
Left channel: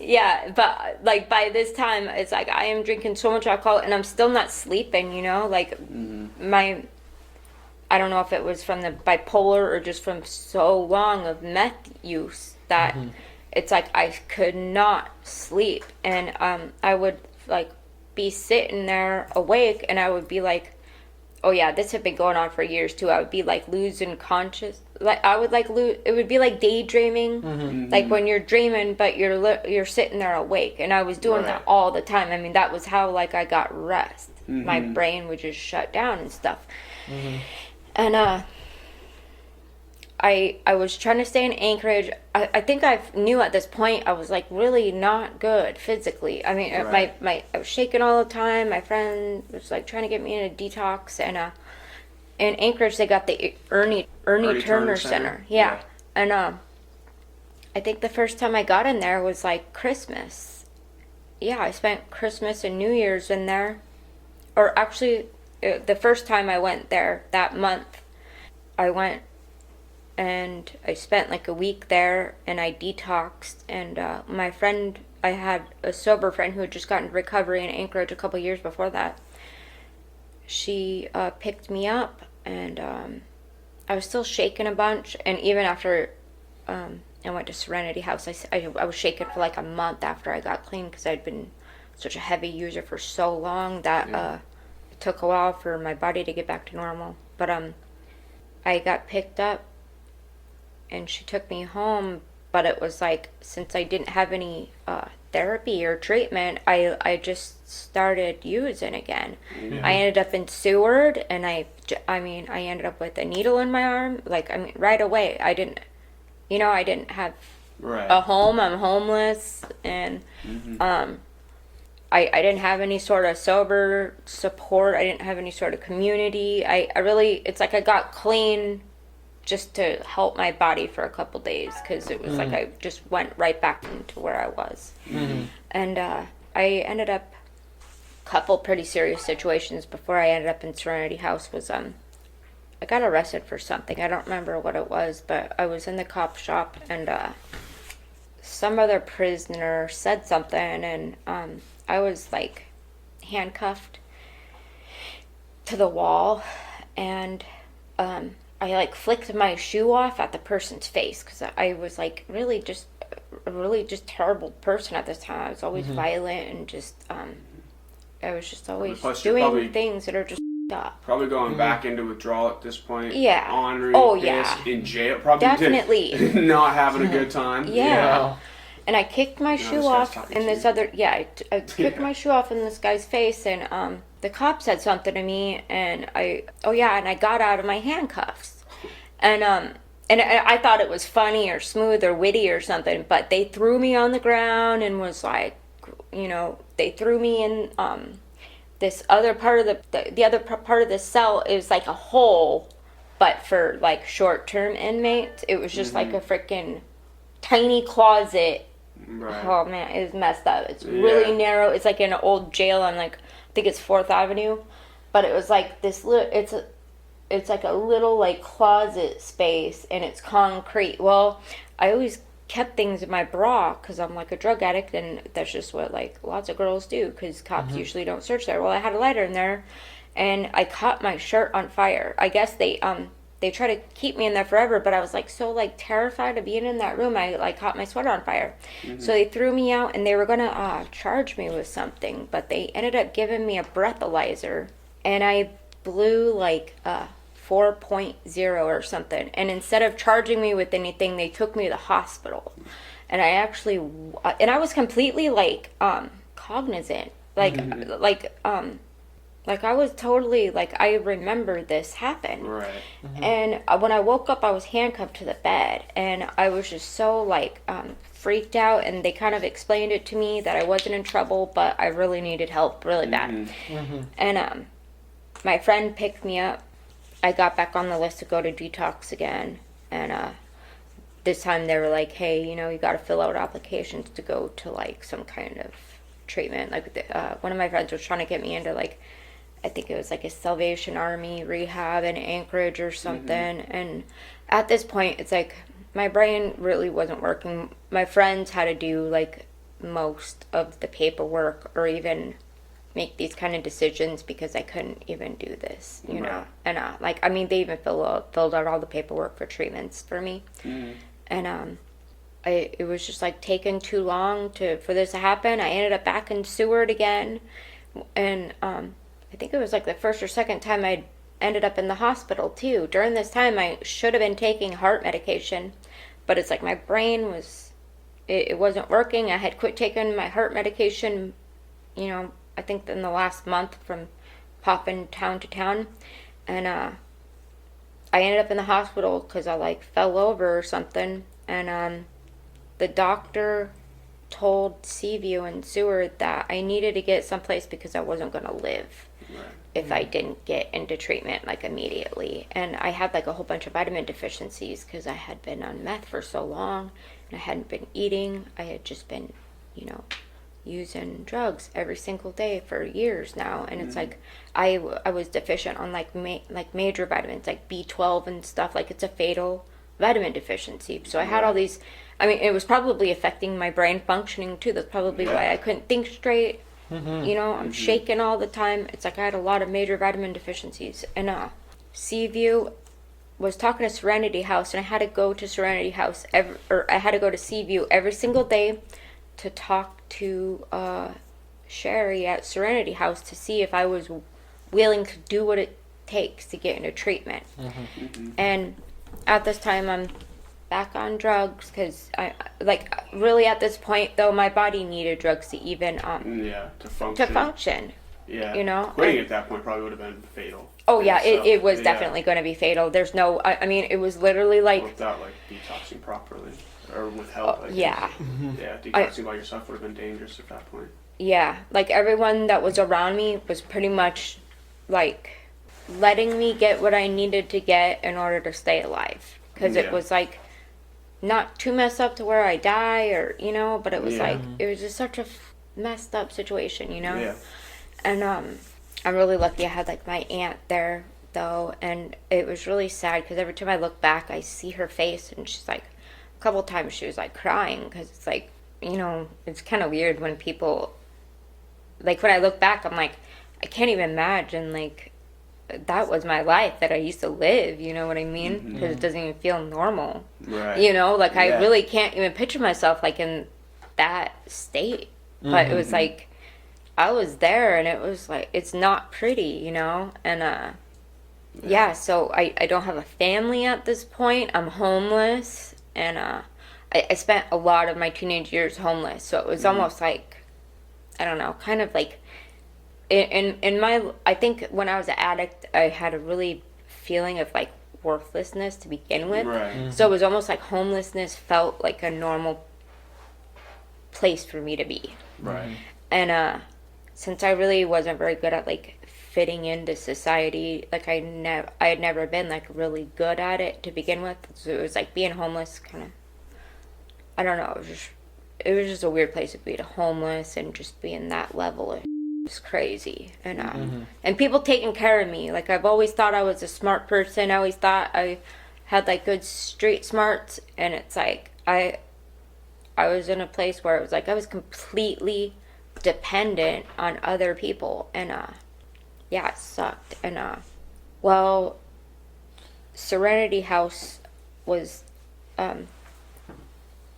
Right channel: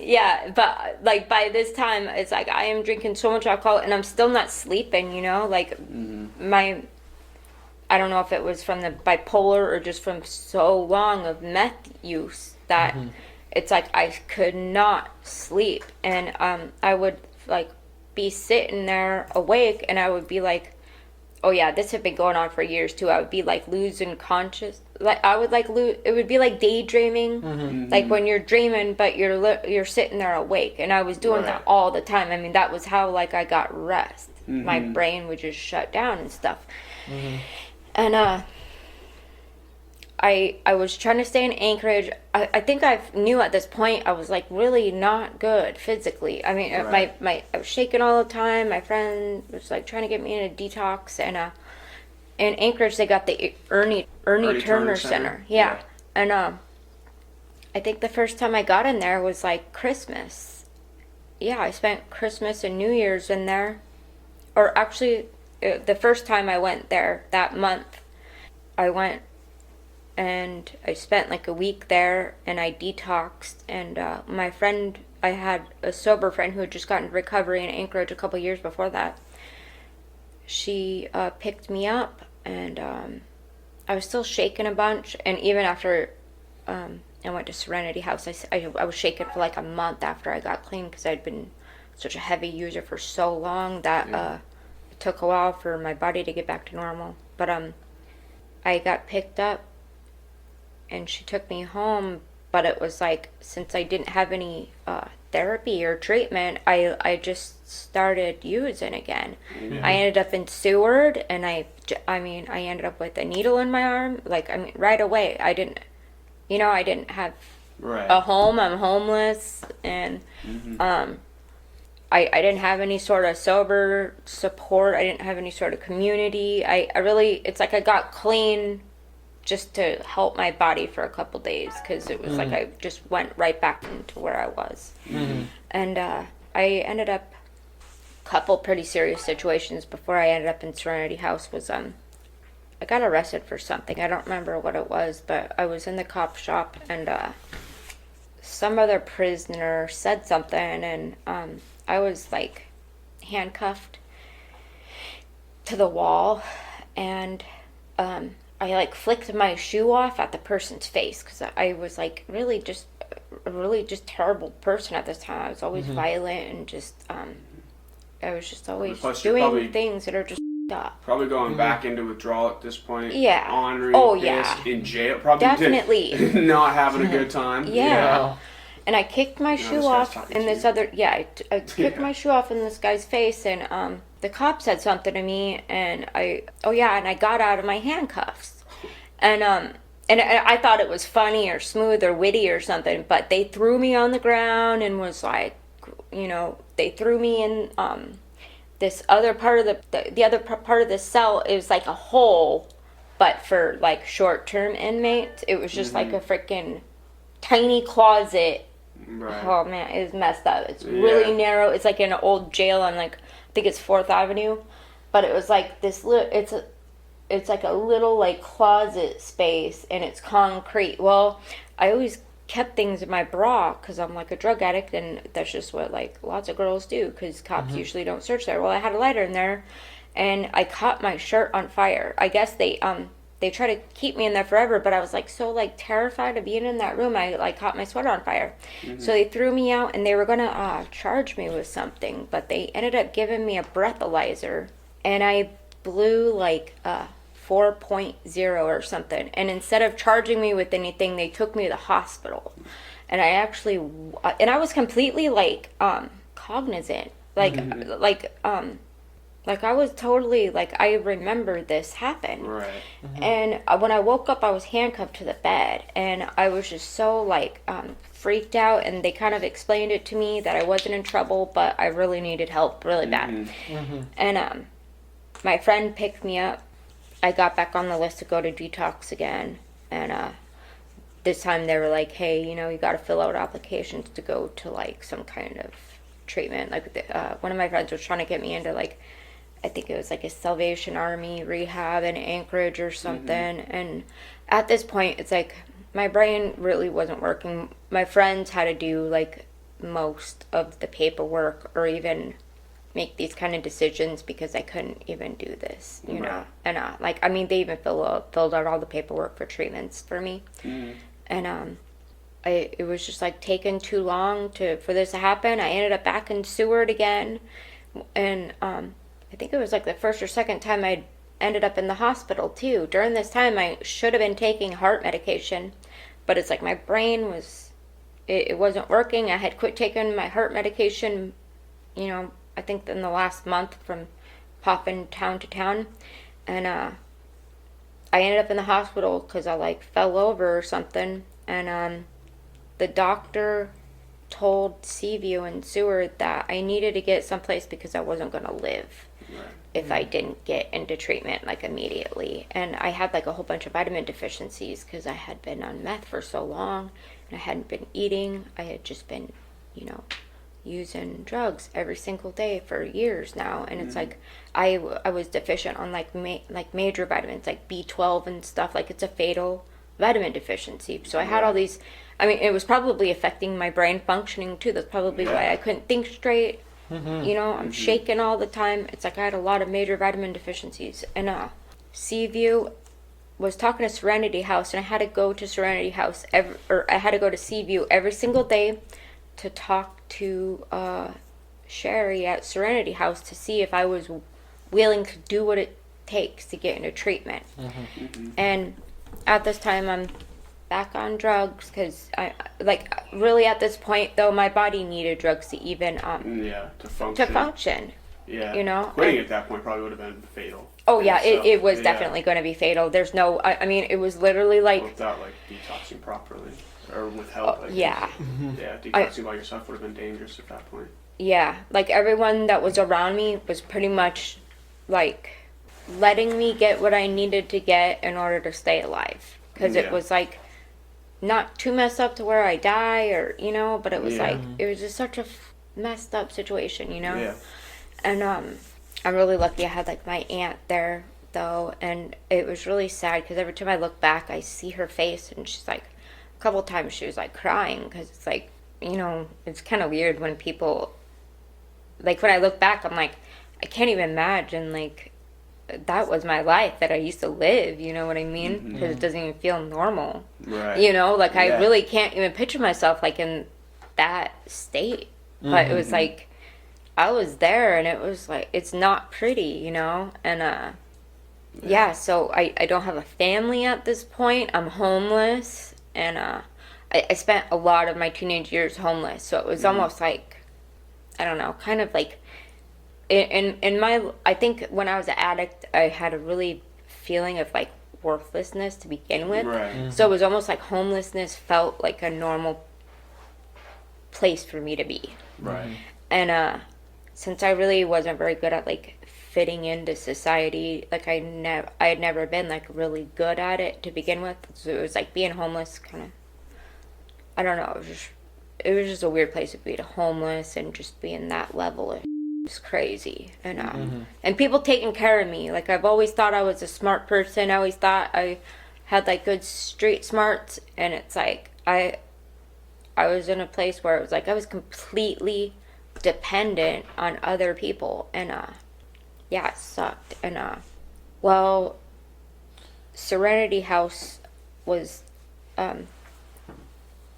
Yeah, but like by this time, it's like I am drinking so much alcohol and I'm still not sleeping, Like I don't know if it was from the bipolar or just from so long of meth use that... It's like I could not sleep, and I would like be sitting there awake, and I would be like, oh yeah, this had been going on for years too. I would be like losing conscious, like I would like lose. It would be like daydreaming, like when you're dreaming, but you're sitting there awake, and I was doing that all the time. I mean, that was how like I got rest. My brain would just shut down and stuff, and I was trying to stay in Anchorage. I think I knew at this point I was like really not good physically. I mean, I was shaking all the time. My friend was like trying to get me in a detox, and in Anchorage they got the Ernie Turner Center. Yeah. And I think the first time I got in there was like Christmas. Yeah, I spent Christmas and New Year's in there. Or actually, the first time I went there that month, I went and I spent like a week there, and I detoxed, and my friend, I had a sober friend who had just gotten recovery in Anchorage a couple years before that. She picked me up, and I was still shaking a bunch, and even after I went to Serenity House, I was shaking for like a month after I got clean because I'd been such a heavy user for so long that it took a while for my body to get back to normal. But I got picked up, and she took me home, but it was like, since I didn't have any therapy or treatment, I just started using again. I ended up in Seward, and I ended up with a needle in my arm, right away. I didn't have a home. I'm homeless, and I didn't have any sort of sober support. I didn't have any sort of community. It's like I got clean just to help my body for a couple days, because it was like I just went right back into where I was. And I ended up, a couple pretty serious situations before I ended up in Serenity House was I got arrested for something. I don't remember what it was, but I was in the cop shop, and some other prisoner said something, and I was like handcuffed to the wall, and I like flicked my shoe off at the person's face, because I was like really just terrible person at this time. I was always violent, and just I was just always doing things that are just up. Probably going back into withdrawal at this point. Yeah. Ornery, pissed, in jail. Probably definitely not having a good time. Yeah. And I kicked my shoe off in this other. Yeah, I kicked my shoe off in this guy's face, and the cop said something to me, and I got out of my handcuffs, and I thought it was funny or smooth or witty or something, but they threw me on the ground and was like, they threw me in this other part of the other part of the cell. It was like a hole, but for like short-term inmates. It was just like a freaking tiny closet. Right. Oh man, it was messed up. It's really narrow. It's like an old jail on like, I think it's 4th Avenue, but it was like this it's like a little like closet space, and it's concrete. Well, I always kept things in my bra because I'm like a drug addict, and that's just what like lots of girls do, because cops usually don't search there. Well, I had a lighter in there, and I caught my shirt on fire. I guess they try to keep me in there forever, but I was like so like terrified of being in that room. I like caught my sweater on fire. So they threw me out, and they were gonna charge me with something, but they ended up giving me a breathalyzer, and I blew like 4.0 or something. And instead of charging me with anything, they took me to the hospital. and I actually, and I was completely like cognizant, like like I was totally like I remember this happened. Right. And when I woke up, I was handcuffed to the bed, and I was just so like freaked out. And they kind of explained it to me that I wasn't in trouble, but I really needed help really bad. And my friend picked me up. I got back on the list to go to detox again, and this time they were like, "Hey, you know, you got to fill out applications to go to like some kind of treatment." Like one of my friends was trying to get me into like, I think it was like a Salvation Army rehab in Anchorage or something. And at this point, it's like my brain really wasn't working. My friends had to do like most of the paperwork or even make these kind of decisions because I couldn't even do this, you know. And like, I mean, they even filled out all the paperwork for treatments for me. And it was just like taking too long for this to happen. I ended up back in Seward again, and I think it was like the first or second time I ended up in the hospital too. During this time, I should have been taking heart medication, but it's like my brain was, it wasn't working. I had quit taking my heart medication, you know, I think in the last month from popping town to town. And I ended up in the hospital because I like fell over or something. And the doctor told Seaview and Seward that I needed to get someplace because I wasn't going to live if I didn't get into treatment like immediately. And I had like a whole bunch of vitamin deficiencies because I had been on meth for so long and I hadn't been eating. I had just been, you know, using drugs every single day for years now. And it's like I was deficient on like major vitamins like B12 and stuff. Like it's a fatal vitamin deficiency. So I had all these, I mean, it was probably affecting my brain functioning too. That's probably why I couldn't think straight. You know, I'm shaking all the time. It's like I had a lot of major vitamin deficiencies. And Seaview was talking to Serenity House, and I had to go to Serenity House I had to go to Seaview every single day to talk to Sherry at Serenity House to see if I was willing to do what it takes to get into treatment. And at this time, I'm back on drugs because I like really at this point though my body needed drugs to even to function. Yeah, you know, quitting at that point probably would have been fatal. Oh yeah, it was definitely going to be fatal. There's no, I mean, it was literally like without like detoxing properly or with help. Detoxing by yourself would have been dangerous at that point. Yeah, like everyone that was around me was pretty much like letting me get what I needed to get in order to stay alive because it was like not too messed up to where I die or, you know, but it was like, it was just such a messed up situation, you know? Yeah. And I'm really lucky I had like my aunt there though, and it was really sad because every time I look back I see her face and she's like, a couple times she was like crying because it's like, you know, it's kind of weird when people, like when I look back I'm like, I can't even imagine like that was my life that I used to live, you know what I mean? Because it doesn't even feel normal. Right. You know, like I really can't even picture myself like in that state. But it was like, I was there and it was like, it's not pretty, you know? And so I don't have a family at this point. I'm homeless. And I spent a lot of my teenage years homeless. So it was almost like, I don't know, kind of like, in my, I think when I was an addict, I had a really feeling of like worthlessness to begin with. Right. So it was almost like homelessness felt like a normal place for me to be. Right. And since I really wasn't very good at like fitting into society, like I had never been like really good at it to begin with. So it was like being homeless kind of, I don't know, it was just a weird place to be, homeless and just being that level of was crazy. And and people taking care of me. Like I've always thought I was a smart person. I always thought I had like good street smarts, and it's like I was in a place where it was like I was completely dependent on other people, and it sucked. And well, Serenity House was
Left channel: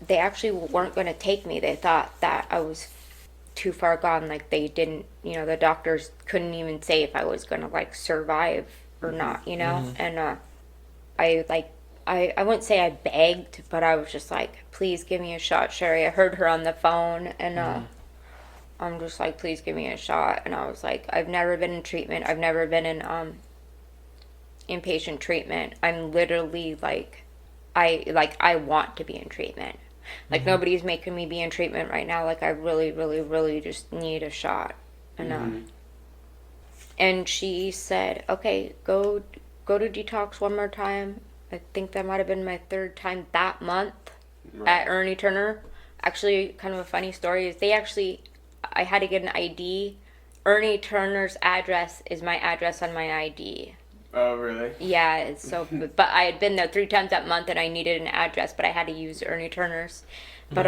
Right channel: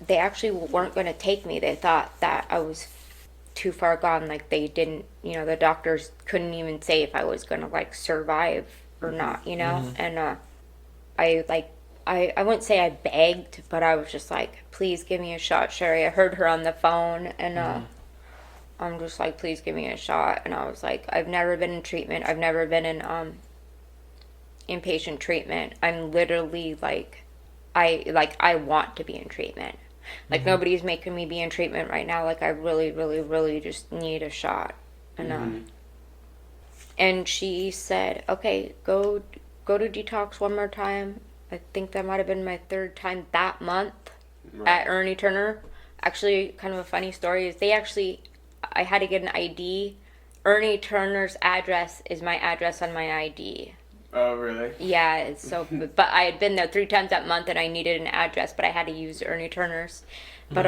they actually weren't going to take me. They thought that I was too far gone. Like they didn't, you know, the doctors couldn't even say if I was going to like survive or not, you know. And I like I wouldn't say I begged, but I was just like, please give me a shot, Sherry. I heard her on the phone, and I'm just like, please give me a shot. And I was like, I've never been in treatment. I've never been in inpatient treatment. I'm literally like, I want to be in treatment. Like, nobody's making me be in treatment right now. Like, I really, really, really just need a shot. And and she said, okay, go to detox one more time. I think that might have been my third time that month at Ernie Turner. Actually, kind of a funny story is I had to get an ID. Ernie Turner's address is my address on my ID. Oh, really? Yeah, so, but I had been there 3 times that month and I needed an address, but I had to use Ernie Turner's. But,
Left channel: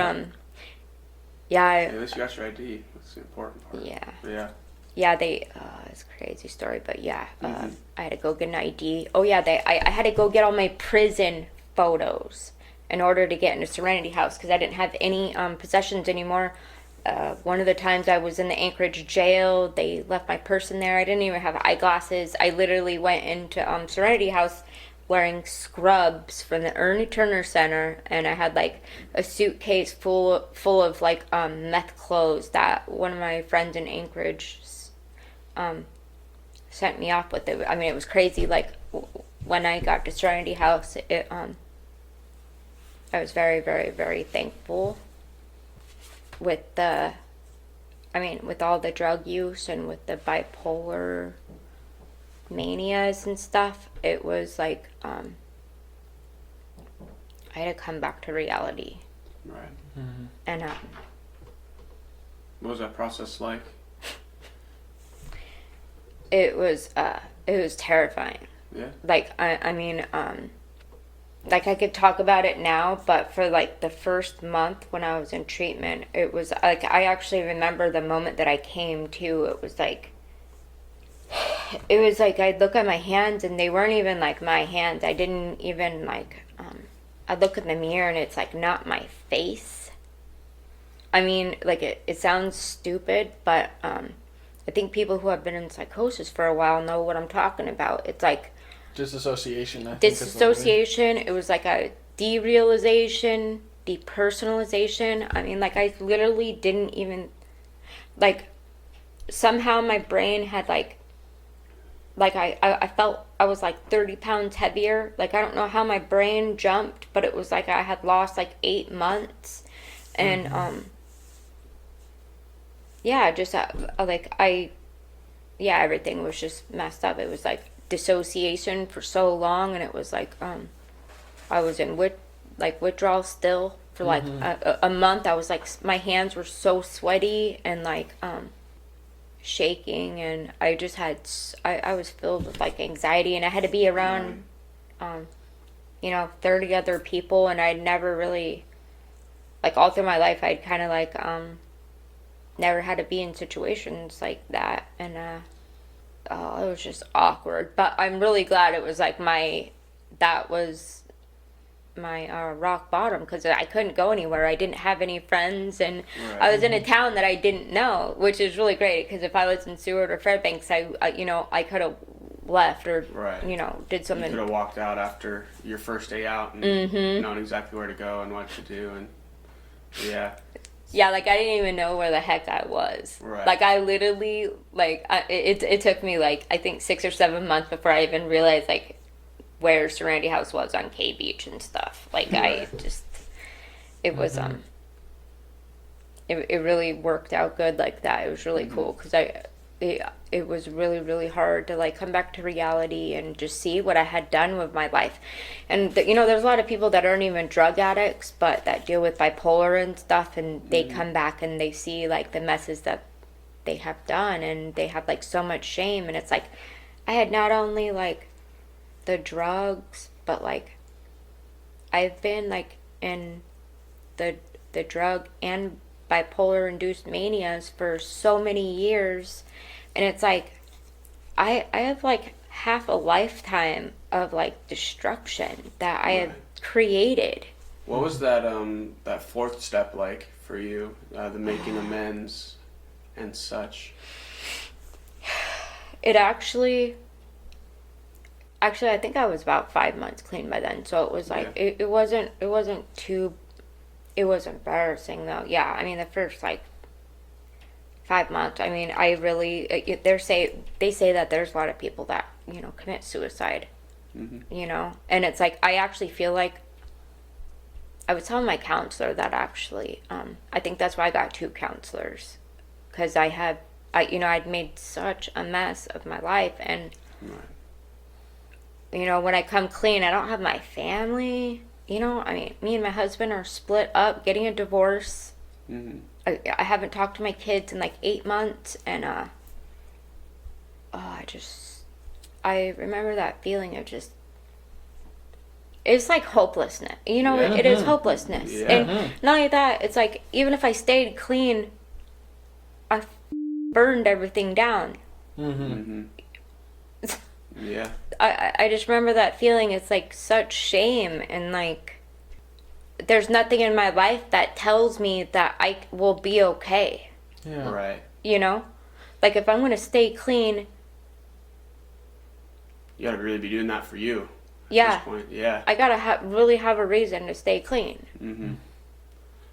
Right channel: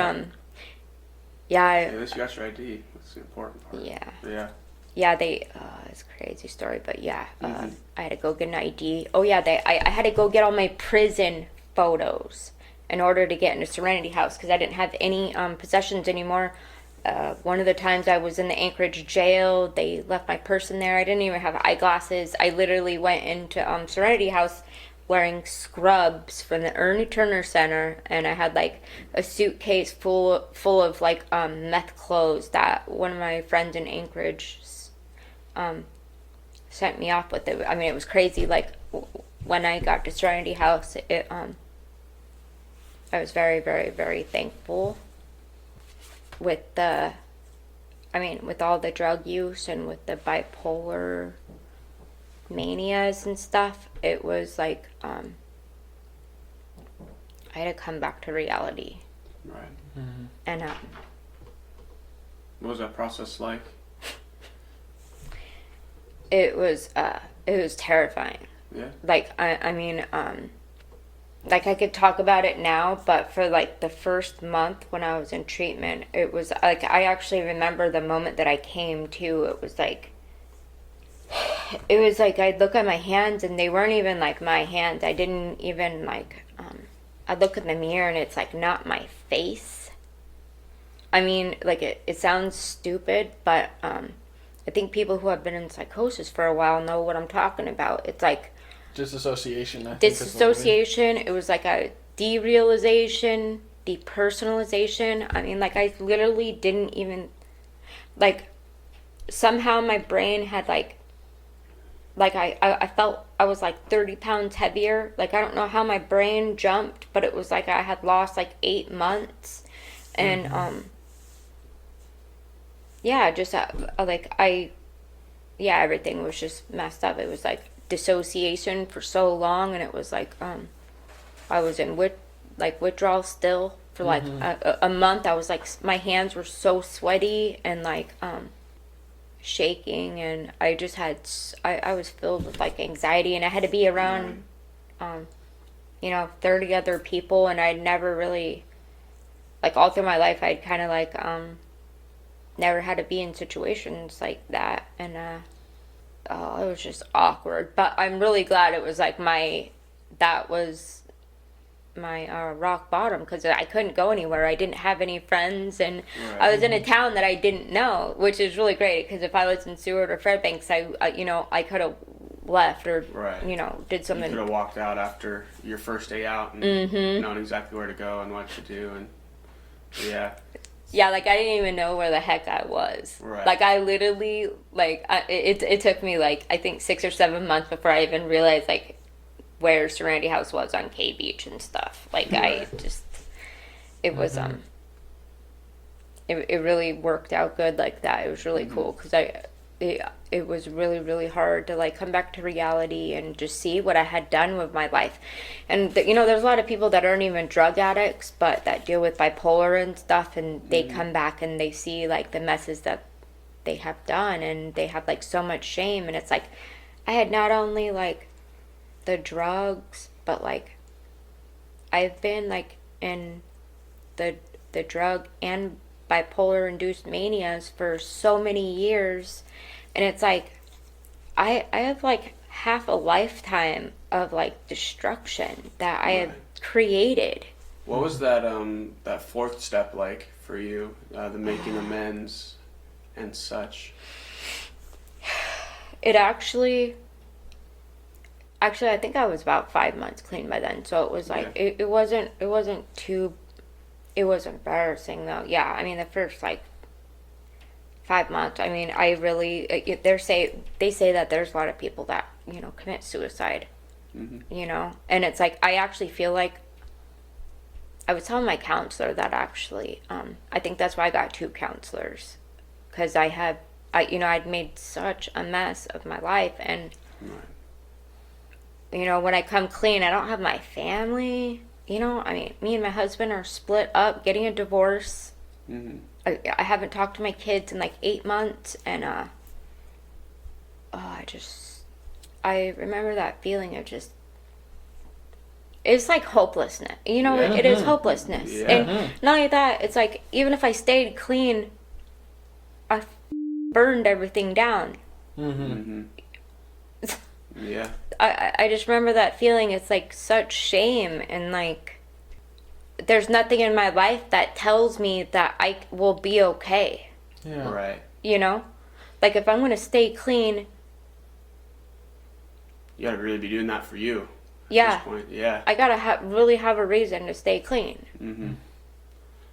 yeah. At least you got your ID. That's the important part. Yeah. Yeah. Yeah, it's a crazy story, but yeah, I had to go get an ID. Oh yeah, I had to go get all my prison photos in order to get into Serenity House because I didn't have any possessions anymore. One of the times I was in the Anchorage jail, they left my purse in there. I didn't even have eyeglasses. I literally went into Serenity House wearing scrubs from the Ernie Turner Center, and I had like a suitcase full of like meth clothes that one of my friends in Anchorage sent me off with. It. I mean, it was crazy. Like when I got to Serenity House, I was very, very, very thankful with with all the drug use and with the bipolar manias and stuff. It was like I had to come back to reality. Right. And what was that process like? it was terrifying. Yeah. Like like I could talk about it now, but for like the first month when I was in treatment, it was like I actually remember the moment that I came to. It was like I'd look at my hands and they weren't even like my hands. I didn't even like I'd look in the mirror and it's like not my face. I mean, like it sounds stupid, but I think people who have been in psychosis for a while know what I'm talking about. It's like disassociation. Disassociation. It was like a derealization, depersonalization. I mean, like I literally didn't even like. Somehow my brain had like I felt I was like 30 pounds heavier. Like I don't know how my brain jumped, but it was like I had lost like 8 months, and yeah, just everything was just messed up. It was like dissociation for so long, and it was like I was in withdrawal still for like a month. I was like, my hands were so sweaty and like shaking, and I just had I was filled with like anxiety, and I had to be around 30 other people, and I'd never really, like, all through my life I'd kind of like never had to be in situations like that, and it was just awkward. But I'm really glad it was like that was my rock bottom, because I couldn't go anywhere. I didn't have any friends, and I was in a town that I didn't know, which is really great, because if I was in Seward or Fairbanks, I could have left or did something. You could have walked out after your first day out and known exactly where to go and what to do, and like I didn't even know where the heck I was. Right. Like I literally it took me like I think 6 or 7 months before I even realized like where Serenity House was on K Beach and stuff. Like I just, it was it really worked out good like that. It was really cool, because it was really, really hard to like come back to reality and just see what I had done with my life. And there's a lot of people that aren't even drug addicts, but that deal with bipolar and stuff, and they come back and they see like the messes that they have done, and they have like so much shame. And it's like I had not only like the drugs, but like I've been like in the drug and bipolar induced manias for so many years, and it's like I have like half a lifetime of like destruction that I have created. What was that that fourth step like for you, the making amends and such? It actually, Actually, I think I was about 5 months clean by then. So it was like, it wasn't embarrassing though. Yeah, I mean, the first like 5 months, I mean, I really, they say that there's a lot of people that, you know, commit suicide, you know, and it's like, I actually feel like, I was telling my counselor that actually, I think that's why I got 2 counselors, because I'd made such a mess of my life, and, you know, when I come clean, I don't have my family, you know, I mean, me and my husband are split up, getting a divorce. I haven't talked to my kids in like 8 months, and I remember that feeling of just, it's like hopelessness, you know. It is hopelessness, and not only that, it's like, even if I stayed clean, I burned everything down. Yeah. I just remember that feeling. It's like such shame, and like, there's nothing in my life that tells me that I will be okay. Yeah. Right. You know? Like, if I'm going to stay clean... You gotta really be doing that for you. Yeah. At this point. Yeah. I gotta really have a reason to stay clean.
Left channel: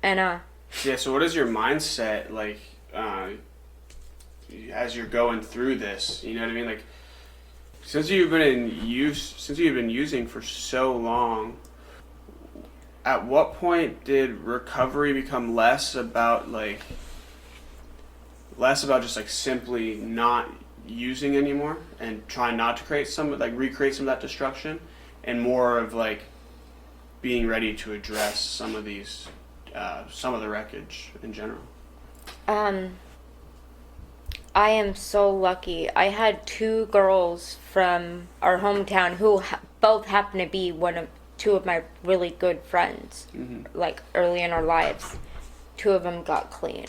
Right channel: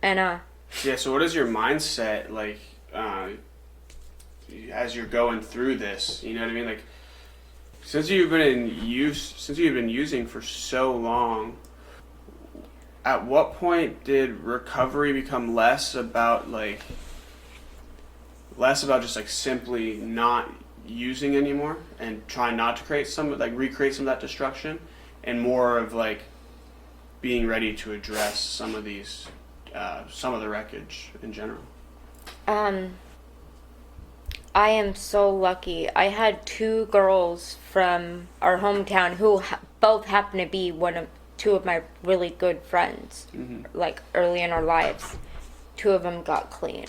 And, Yeah, so what is your mindset, like, as you're going through this? You know what I mean? Like, since you've been using for so long, at what point did recovery become less about just like simply not using anymore and trying not to recreate some of that destruction, and more of like being ready to address some of the wreckage in general? I am so lucky. I had 2 girls from our hometown who both happen to be 2 of my really good friends, like early in our lives. 2 of them got clean.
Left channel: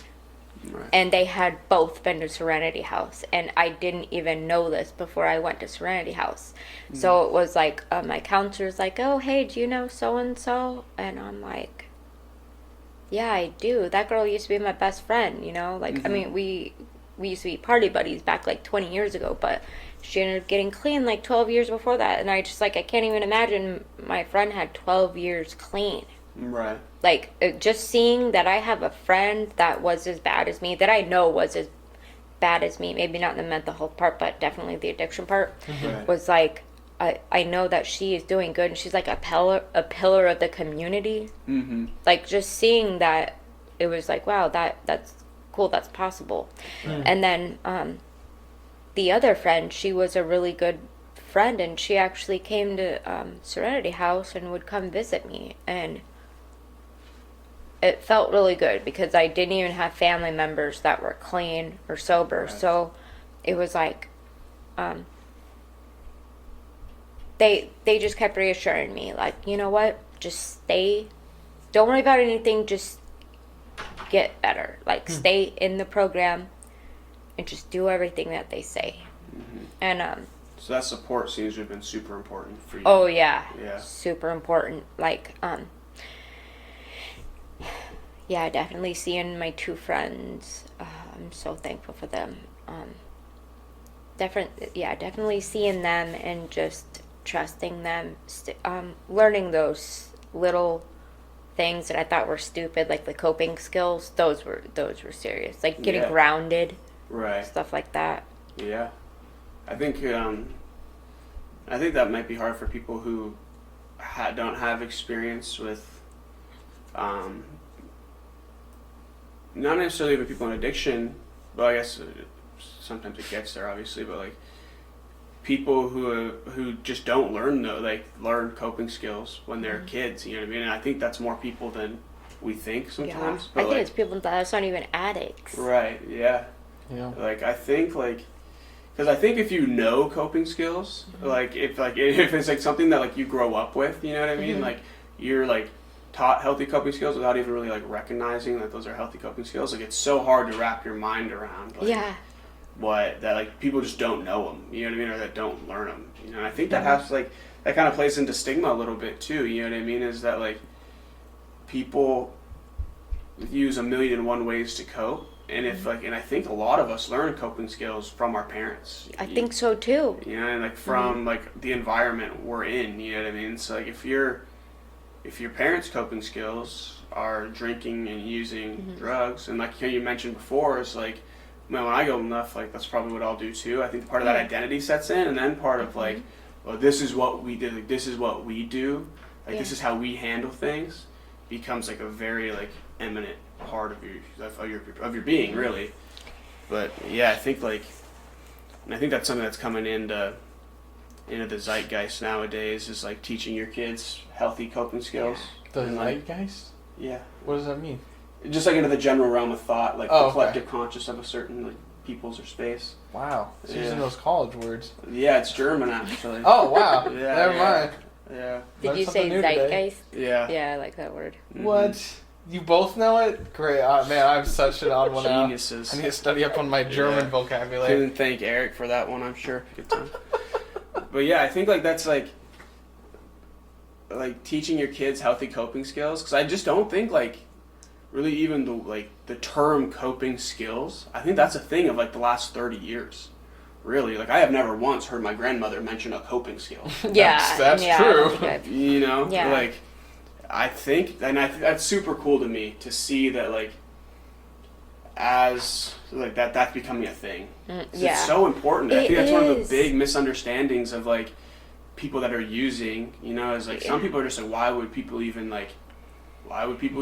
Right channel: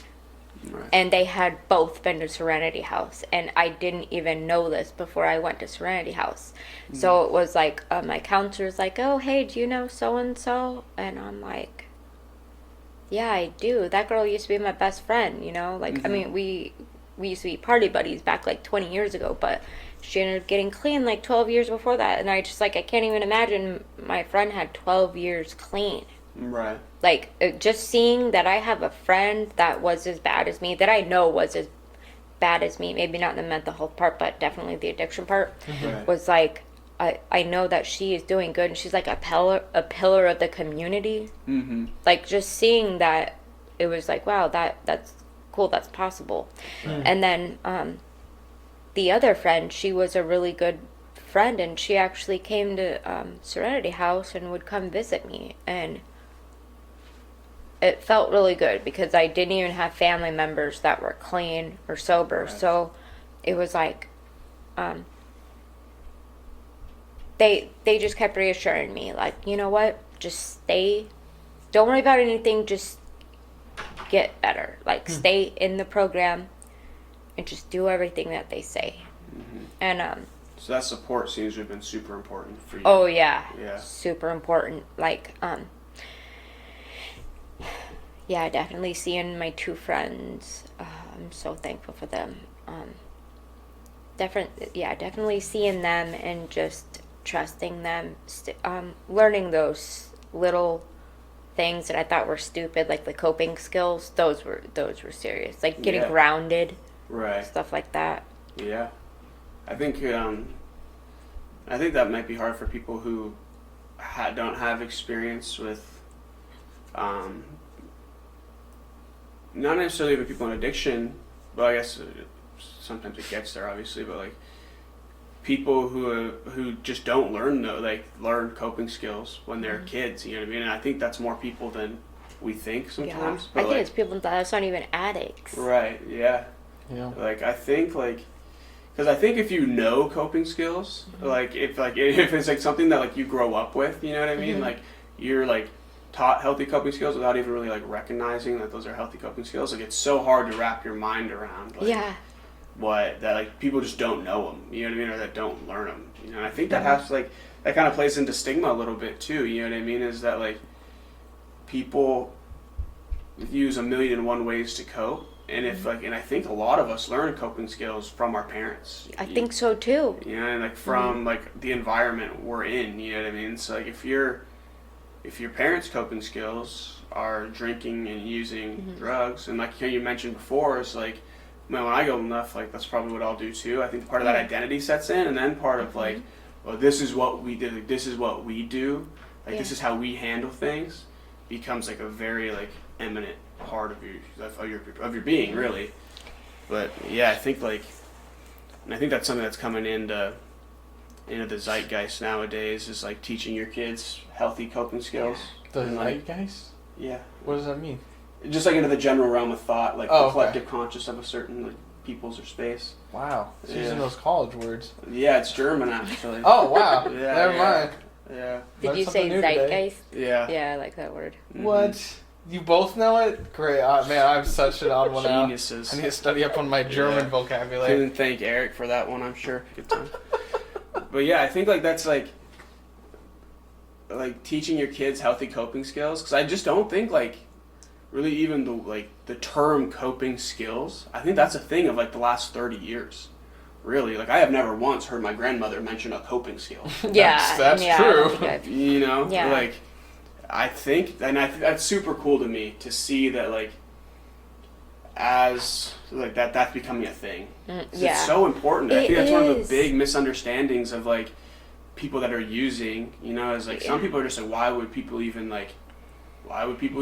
Right. And they had both been to Serenity House, and I didn't even know this before I went to Serenity House. So it was like, my counselor's like, oh, hey, do you know so-and-so? And I'm like, yeah, I do. That girl used to be my best friend, you know? Like, I mean, we used to be party buddies back like 20 years ago, but she ended up getting clean like 12 years before that. And I can't even imagine my friend had 12 years clean. Right. Like, just seeing that I have a friend that was as bad as me, that I know was as bad as me, maybe not in the mental health part, but definitely the addiction part, was like, I know that she is doing good, and she's like a pillar of the community. Like, just seeing that, it was like, wow, that's cool, that's possible. And then the other friend, she was a really good friend, and she actually came to Serenity House and would come visit me, and it felt really good because I didn't even have family members that were clean or sober. So it was like, they just kept reassuring me, like, you know what, just stay, don't worry about anything, just get better. Like, stay in the program and just do everything that they say. And so that support seems to have been super important for you. Oh yeah, Yeah. super important. Like, yeah, definitely seeing my 2 friends. I'm so thankful for them. Definitely seeing them and just trusting them. Learning those little things that I thought were stupid, like the coping skills. Those were serious. Like getting grounded, right? Stuff like that. Yeah, I think that might be hard for people who don't have experience with. Not necessarily with people in addiction, but I guess sometimes it gets there, obviously. But like people who just don't learn learn coping skills when they're kids. You know what I mean? And I think that's more people than we think sometimes. Yeah. I think it's people that's not even addicts. Right. Yeah. Yeah. Like I think because I think if you know coping skills, if it's like something that like you grow up with, you know what I mean? Like you're like taught healthy coping skills without even really like recognizing that those are healthy coping skills. Like it's so hard to wrap your mind around. Like, that like people just don't know them. You know what I mean? Or that don't learn them. You know, I think that has like that kind of plays into stigma a little bit too. You know what I mean? Is that like people use 1,000,001 ways to cope, And if and I think a lot of us learn coping skills from our parents. I think so too. And like from like the environment we're in, you know what I mean? So like if your parents' coping skills are drinking and using drugs, and like you mentioned before, is like, man, when I go enough, like that's probably what I'll do too. I think part of that identity sets in, and then part of like, well, this is what we did, like, this is what we do, like this is how we handle things, becomes like a very like eminent part of your being, really. But yeah, I think that's something that's coming into the zeitgeist nowadays, is like teaching your kids healthy coping skills. The zeitgeist? Yeah. What does that mean? Just like into the general realm of thought, like the collective conscious of a certain like peoples or space. Wow. It's using those college words. Yeah, it's German actually. Oh wow. Yeah. Never mind. Yeah. Did you say zeitgeist? Yeah. Yeah, I like that word. Mm-hmm. What? You both know it? Great. Man, I'm such an odd one out. Geniuses. I need to study up on my German vocabulary. Couldn't thank Eric for that one, I'm sure. Good time. But yeah, I think like that's like teaching your kids healthy coping skills, because I just don't think like really even the term coping skills, I think that's a thing of like the last 30 years. Really, like I have never once heard my grandmother mention a coping skill. That's true. You know, yeah. Like I think, and that's super cool to me to see that like as like that's becoming a thing. It's so important. I think that's one of the big misunderstandings of like people that are using, you know, is like some people are just like, why would people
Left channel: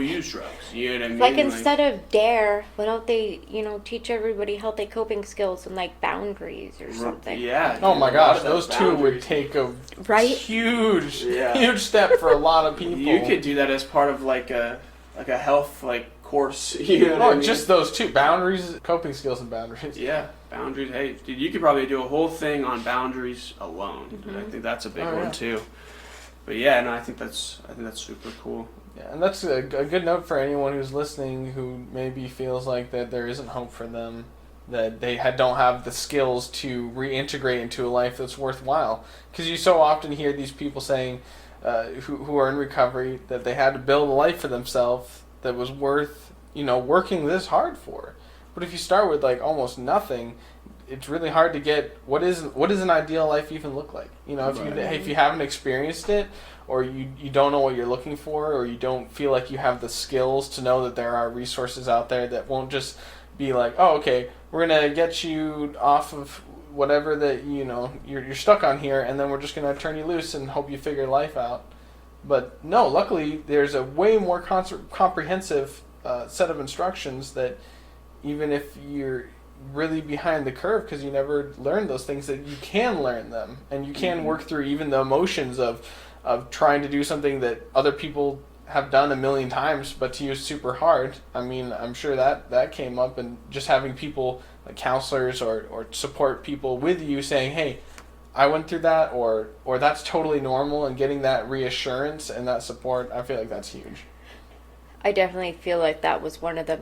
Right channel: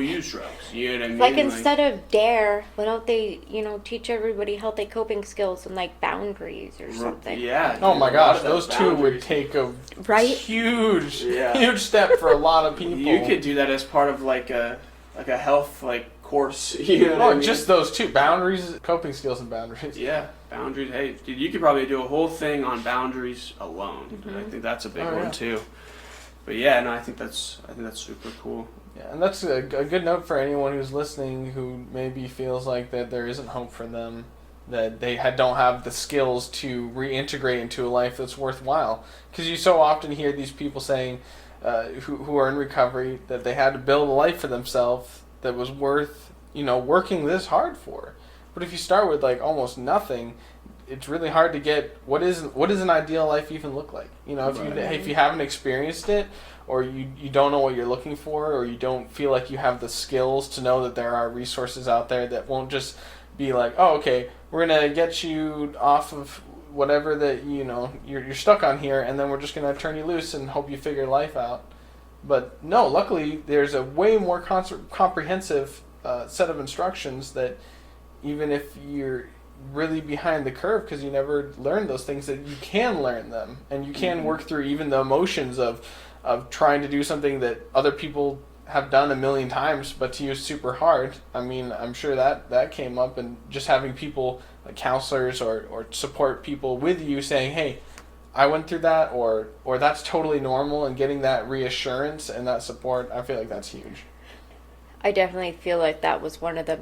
use drugs? You know what I mean? Like instead of dare, why don't they, teach everybody healthy coping skills and like boundaries or something? Yeah. Oh my gosh, those two would take a huge step for a lot of people. You could do that as part of like a health course. You know what I mean? Just those two, boundaries, coping skills, and boundaries. Yeah, boundaries. Hey, dude, you could probably do a whole thing on boundaries alone. Mm-hmm. And I think that's a big one too. But yeah, no, I think that's super cool. Yeah, and that's a good note for anyone who's listening who maybe feels like that there isn't hope for them, that they don't have the skills to reintegrate into a life that's worthwhile. Because you so often hear these people saying, who are in recovery, that they had to build a life for themselves that was worth, working this hard for. But if you start with like almost nothing, it's really hard to get what does an ideal life even look like? If you haven't experienced it, or you don't know what you're looking for, or you don't feel like you have the skills to know that there are resources out there that won't just be like, oh, okay, we're gonna get you off of whatever that you're stuck on here, and then we're just gonna turn you loose and hope you figure life out. But no, luckily there's a way more comprehensive set of instructions that even if you're really behind the curve because you never learned those things, that you can learn them, and you can work through even the emotions of trying to do something that other people have done a million times, but to you is super hard. I mean, I'm sure that came up, and just having people like counselors or support people with you saying, hey, I went through that, or that's totally normal, and getting that reassurance and that support, I feel like that's huge. I definitely feel like that was one of the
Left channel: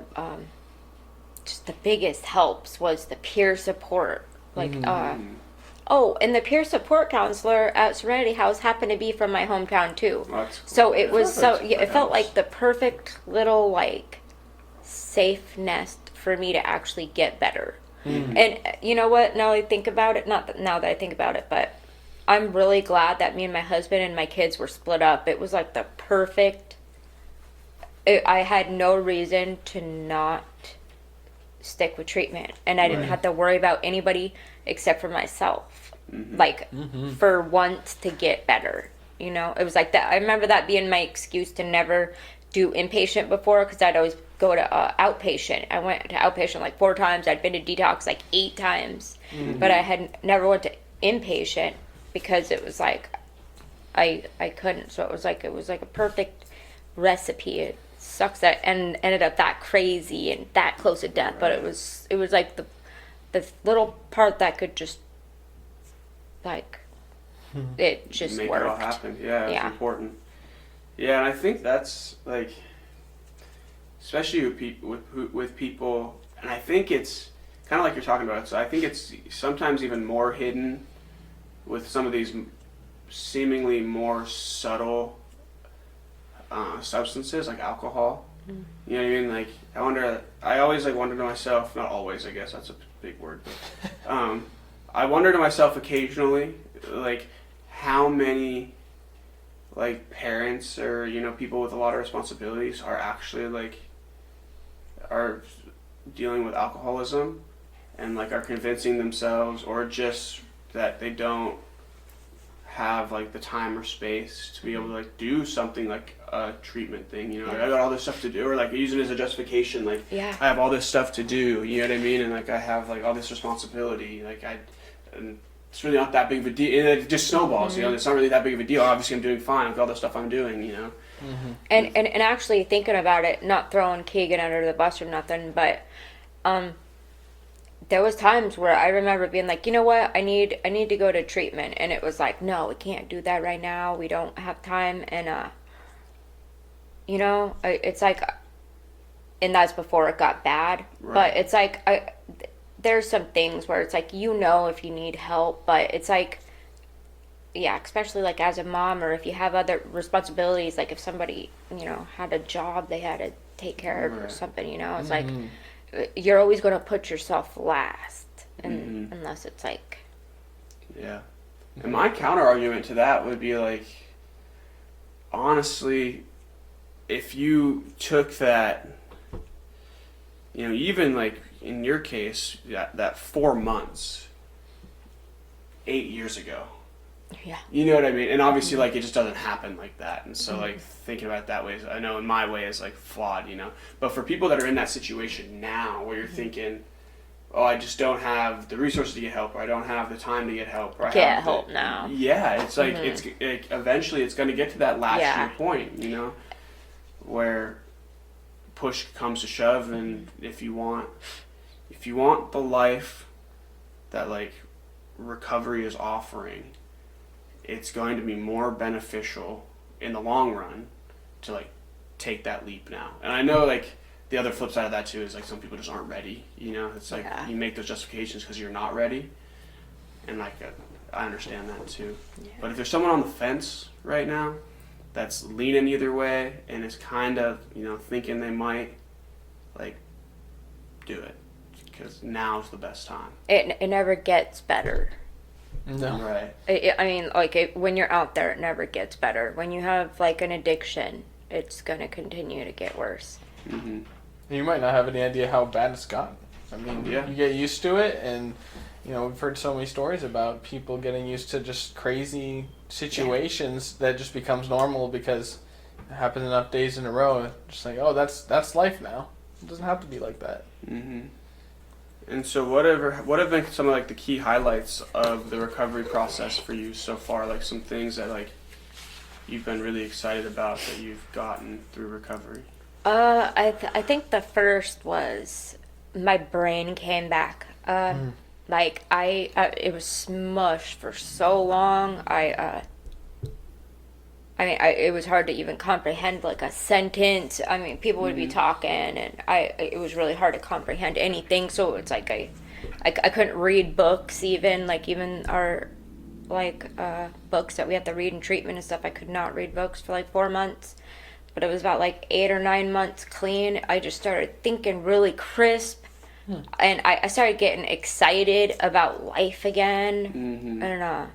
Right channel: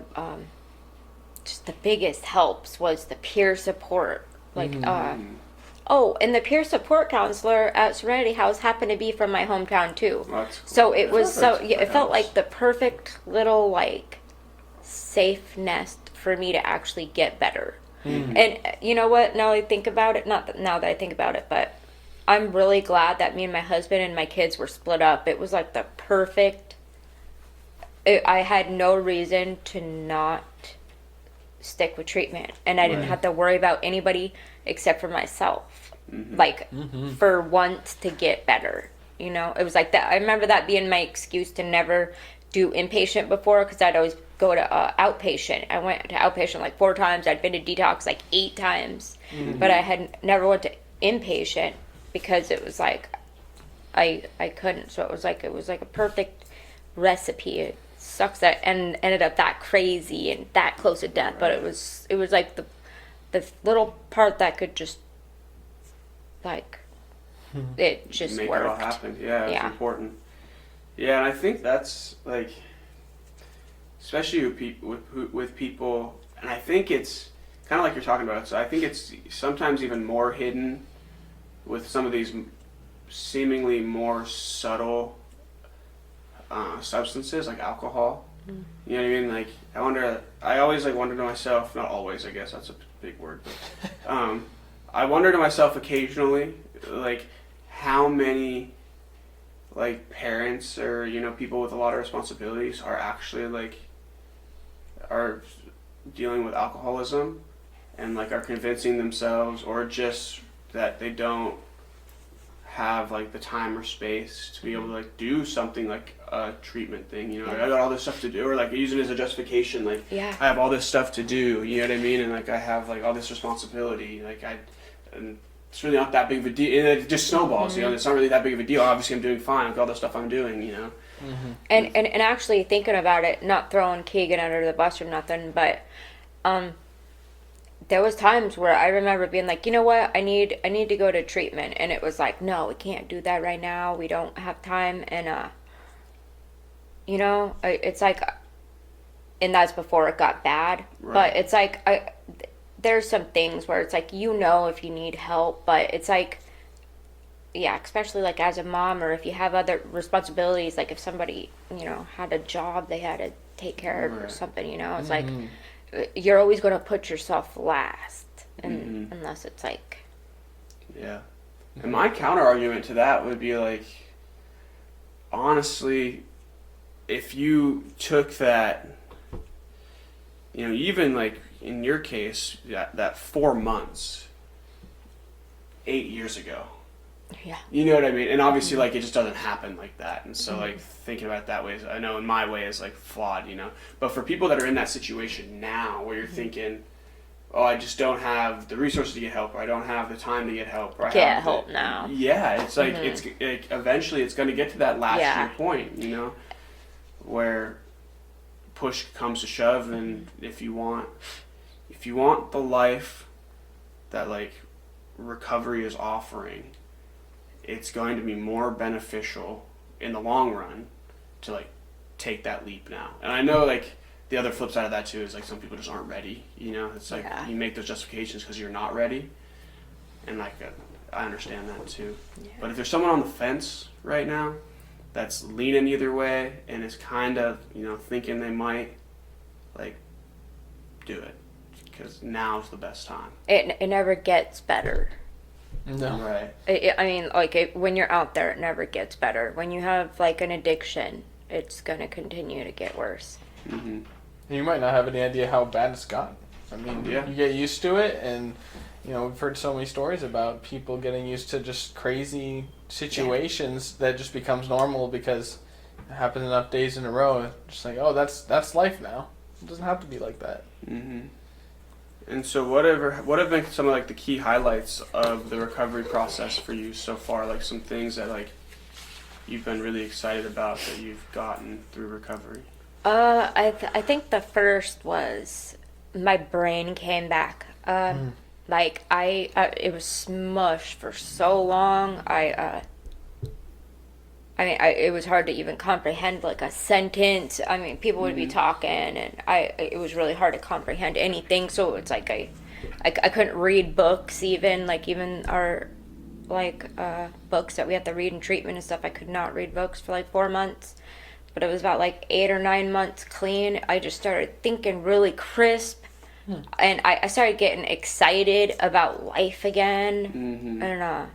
just the biggest helps was the peer support. Like, and the peer support counselor at Serenity House happened to be from my hometown too. So it was it felt like the perfect little safe nest for me to actually get better. And you know what? Now I think about it, now that I think about it, but I'm really glad that me and my husband and my kids were split up. It was like the perfect. I had no reason to not stick with treatment, and I didn't have to worry about anybody except for myself. For once to get better, it was like that. I remember that being my excuse to never do inpatient before, because I'd always go to outpatient. I went to outpatient 4 times. I'd been to detox 8 times, but I had never went to inpatient because it was I couldn't. So it was like a perfect recipe. It sucks that and ended up that crazy and that close to death, but it was like the little part that could just it just make worked. It all happen. Yeah, it's important. Yeah, and I think that's especially with people, and I think it's kind of like you're talking about. So I think it's sometimes even more hidden with some of these seemingly more subtle substances like alcohol. You know what I mean? Like, I always like wonder to myself, not always, I guess that's a big word, but, I wonder to myself occasionally, like, how many, like, parents or, you know, people with a lot of responsibilities are actually, like, are dealing with alcoholism and, like, are convincing themselves, or just that they don't have, like, the time or space to be able to, like, do something like a treatment thing, you know, like, I got all this stuff to do, or like use it as a justification, like, I have all this stuff to do, you know what I mean, and like I have like all this responsibility, like and it's really not that big of a deal, and it just snowballs, you know, it's not really that big of a deal, obviously I'm doing fine with all the stuff I'm doing, you know. And actually thinking about it, not throwing Keegan under the bus or nothing, but there was times where I remember being like, you know what, I need to go to treatment, and it was like, no, we can't do that right now, we don't have time, and you know, it's like, and that's before it got bad, but it's like, there's some things where it's like, you know, if you need help, but it's like, yeah, especially like as a mom, or if you have other responsibilities, like if somebody, you know, had a job they had to take care of or something, you know, it's like, you're always going to put yourself last, and unless it's like, and my counter argument to that would be like, honestly, if you took that, you know, even like in your case, that 4 months 8 years ago, you know what I mean, and obviously like it just doesn't happen like that, and so like thinking about it that way, I know in my way is like flawed, you know, but for people that are in that situation now where you're thinking, oh, I just don't have the resources to get help, or I don't have the time to get help, or I can't help now. Yeah, it's like it's eventually it's going to get to that last year point, you know, where push comes to shove, and if you want the life that like recovery is offering, it's going to be more beneficial in the long run to like take that leap now. And I know like the other flip side of that too is like some people just aren't ready, you know, it's like you make those justifications because you're not ready, and like I understand that too. But if there's someone on the fence right now that's leaning either way and is kind of, you know, thinking they might, like, do it, because now's the best time. It never gets better. No. Right. I mean, like, when you're out there, it never gets better. When you have, like, an addiction, it's going to continue to get worse. Mm-hmm. You might not have any idea how bad it's gotten. I mean, you get used to it, and, you know, we've heard so many stories about people getting used to just crazy situations that just becomes normal because it happens enough days in a row. Just like, oh, that's life now. It doesn't have to be like that. Mm-hmm. And so what have been some of like the key highlights of the recovery process for you so far? Like some things that like you've been really excited about that you've gotten through recovery? I think the first was my brain came back. Like I it was smushed for so long. It was hard to even comprehend like a sentence. I mean, people would be talking, and it was really hard to comprehend anything. So it's like I couldn't read books, even our books that we have to read in treatment and stuff. I could not read books for like 4 months. But it was about like 8 or 9 months clean. I just started thinking really crisp, and I started getting excited about life again, and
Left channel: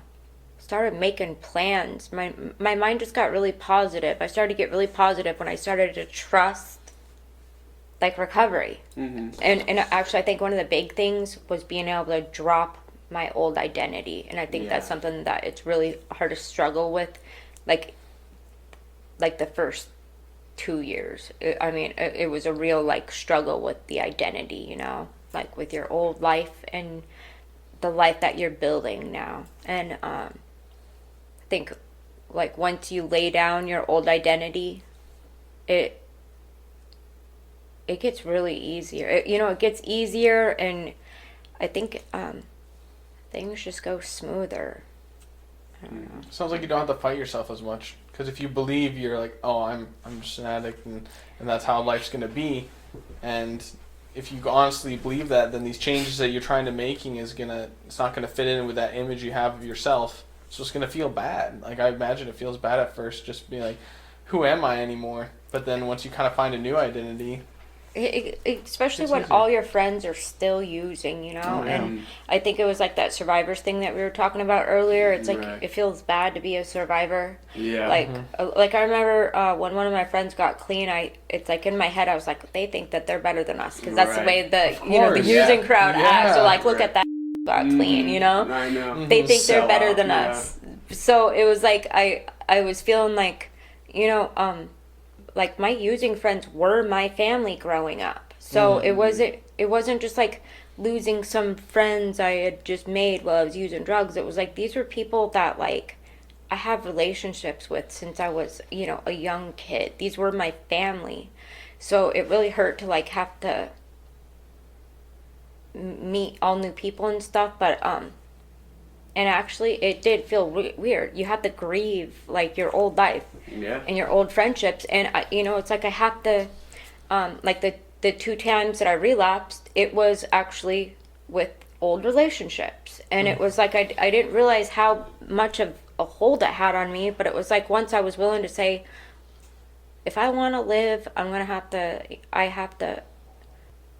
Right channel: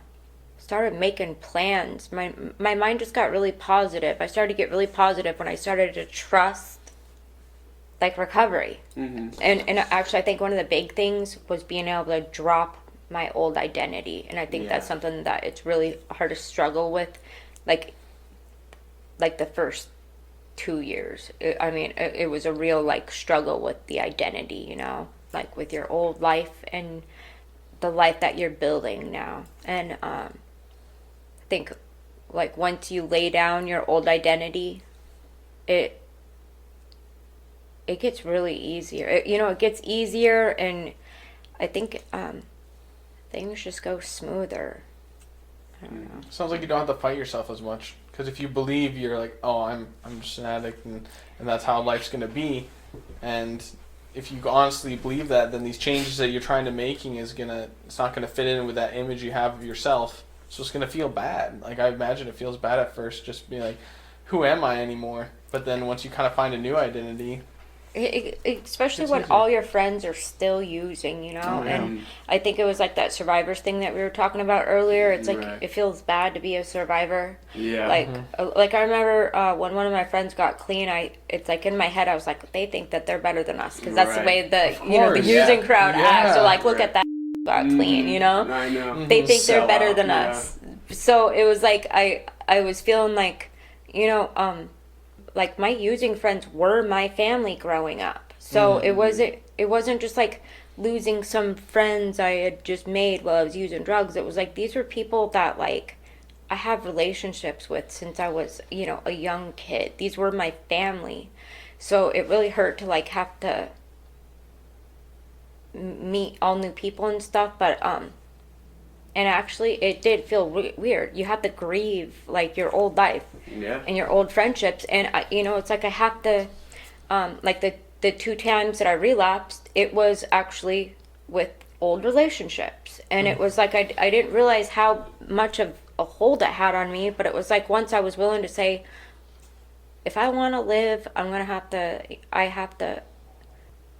started making plans. My mind just got really positive. I started to get really positive when I started to trust like recovery. And actually I think one of the big things was being able to drop my old identity, and I think that's something that it's really hard to struggle with, like the first 2 years. It was a real like struggle with the identity, you know, like with your old life and the life that you're building now. And I think like once you lay down your old identity, it gets really easier. It gets easier, and I think things just go smoother. I don't know. Sounds like you don't have to fight yourself as much, because if you believe you're like, oh, I'm just an addict, and that's how life's gonna be, and if you honestly believe that, then these changes that you're trying to making it's not gonna fit in with that image you have of yourself. So it's going to feel bad. Like, I imagine it feels bad at first, just being like, who am I anymore? But then once you kind of find a new identity, Especially when all your friends are still using, and I think it was like that survivors thing that we were talking about earlier. It's like it feels bad to be a survivor. Yeah. Like I remember when one of my friends got clean, it's like in my head I was like, they think that they're better than us because that's the way the using crowd acts. So like, look at that got clean, I know. They think they're better than us. So it was like I was feeling like, like my using friends were my family growing up. So it wasn't just like losing some friends I had just made while I was using drugs. It was like these were people that like I have relationships with since I was, a young kid. These were my family. So it really hurt to like have to meet all new people and stuff, but and actually it did feel weird. You had to grieve like your old life. Yeah. And your old friendships, and it's like I have to, like the 2 times that I relapsed, it was actually with old relationships, and it was like I didn't realize how much of a hold it had on me, but it was like once I was willing to say, if I want to live, I have to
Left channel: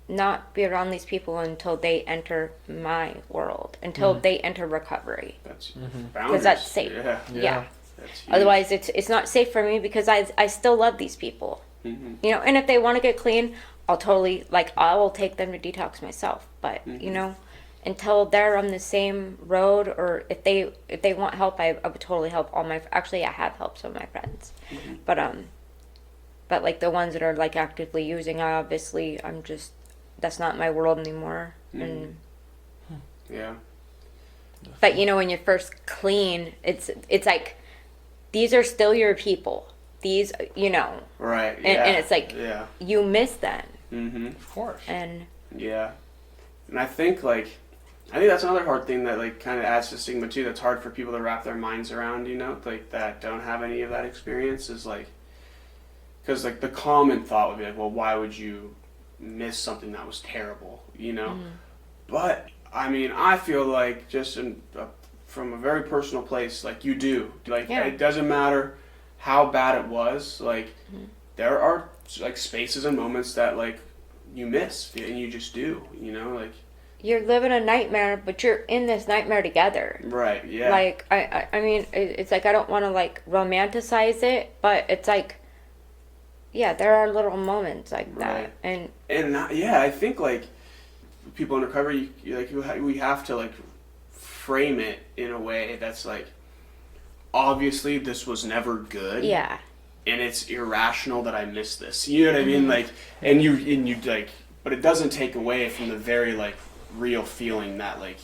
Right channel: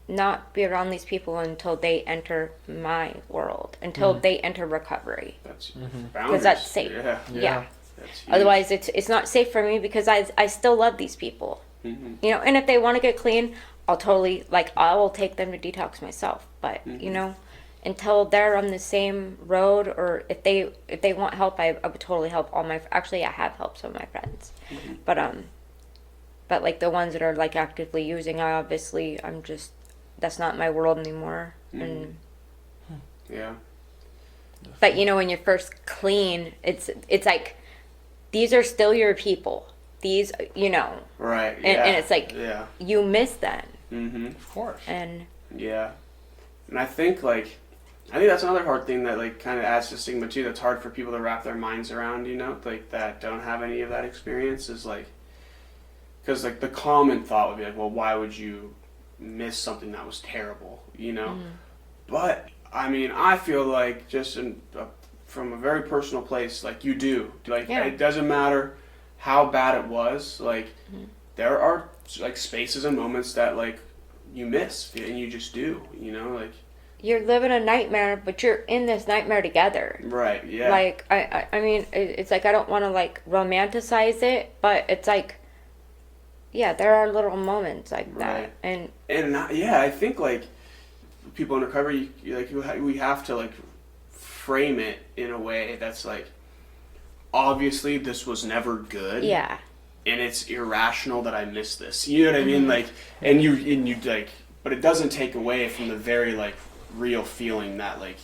not be around these people until they enter my world, until they enter recovery. That's because that's safe. Yeah. Otherwise, it's not safe for me because I still love these people. And if they want to get clean, I will take them to detox myself. But until they're on the same road, or if they want help, I would totally help actually I have helped some of my friends, but like the ones that are like actively using, that's not my world anymore. And but when you're first clean, it's like these are still your people. These, right, and it's like you miss them. Of course. And and I think that's another hard thing that like kind of adds to stigma too. That's hard for people to wrap their minds around. Like that don't have any of that experience is like, because like the common thought would be like, well, why would you miss something that was terrible? But I mean, I feel like just from a very personal place, like you do. Like it doesn't matter how bad it was. Like there are like spaces and moments that like you miss and you just do. Like you're living a nightmare, but you're in this nightmare together. Right. Yeah. Like I mean, it's like I don't want to like romanticize it, but it's like there are little moments like that, and I think like people in recovery, we have to like frame it in a way that's like, obviously this was never good. Yeah. And it's irrational that I missed this. You know what I mean? Like, and you like, but it doesn't take away from the very like real feeling that like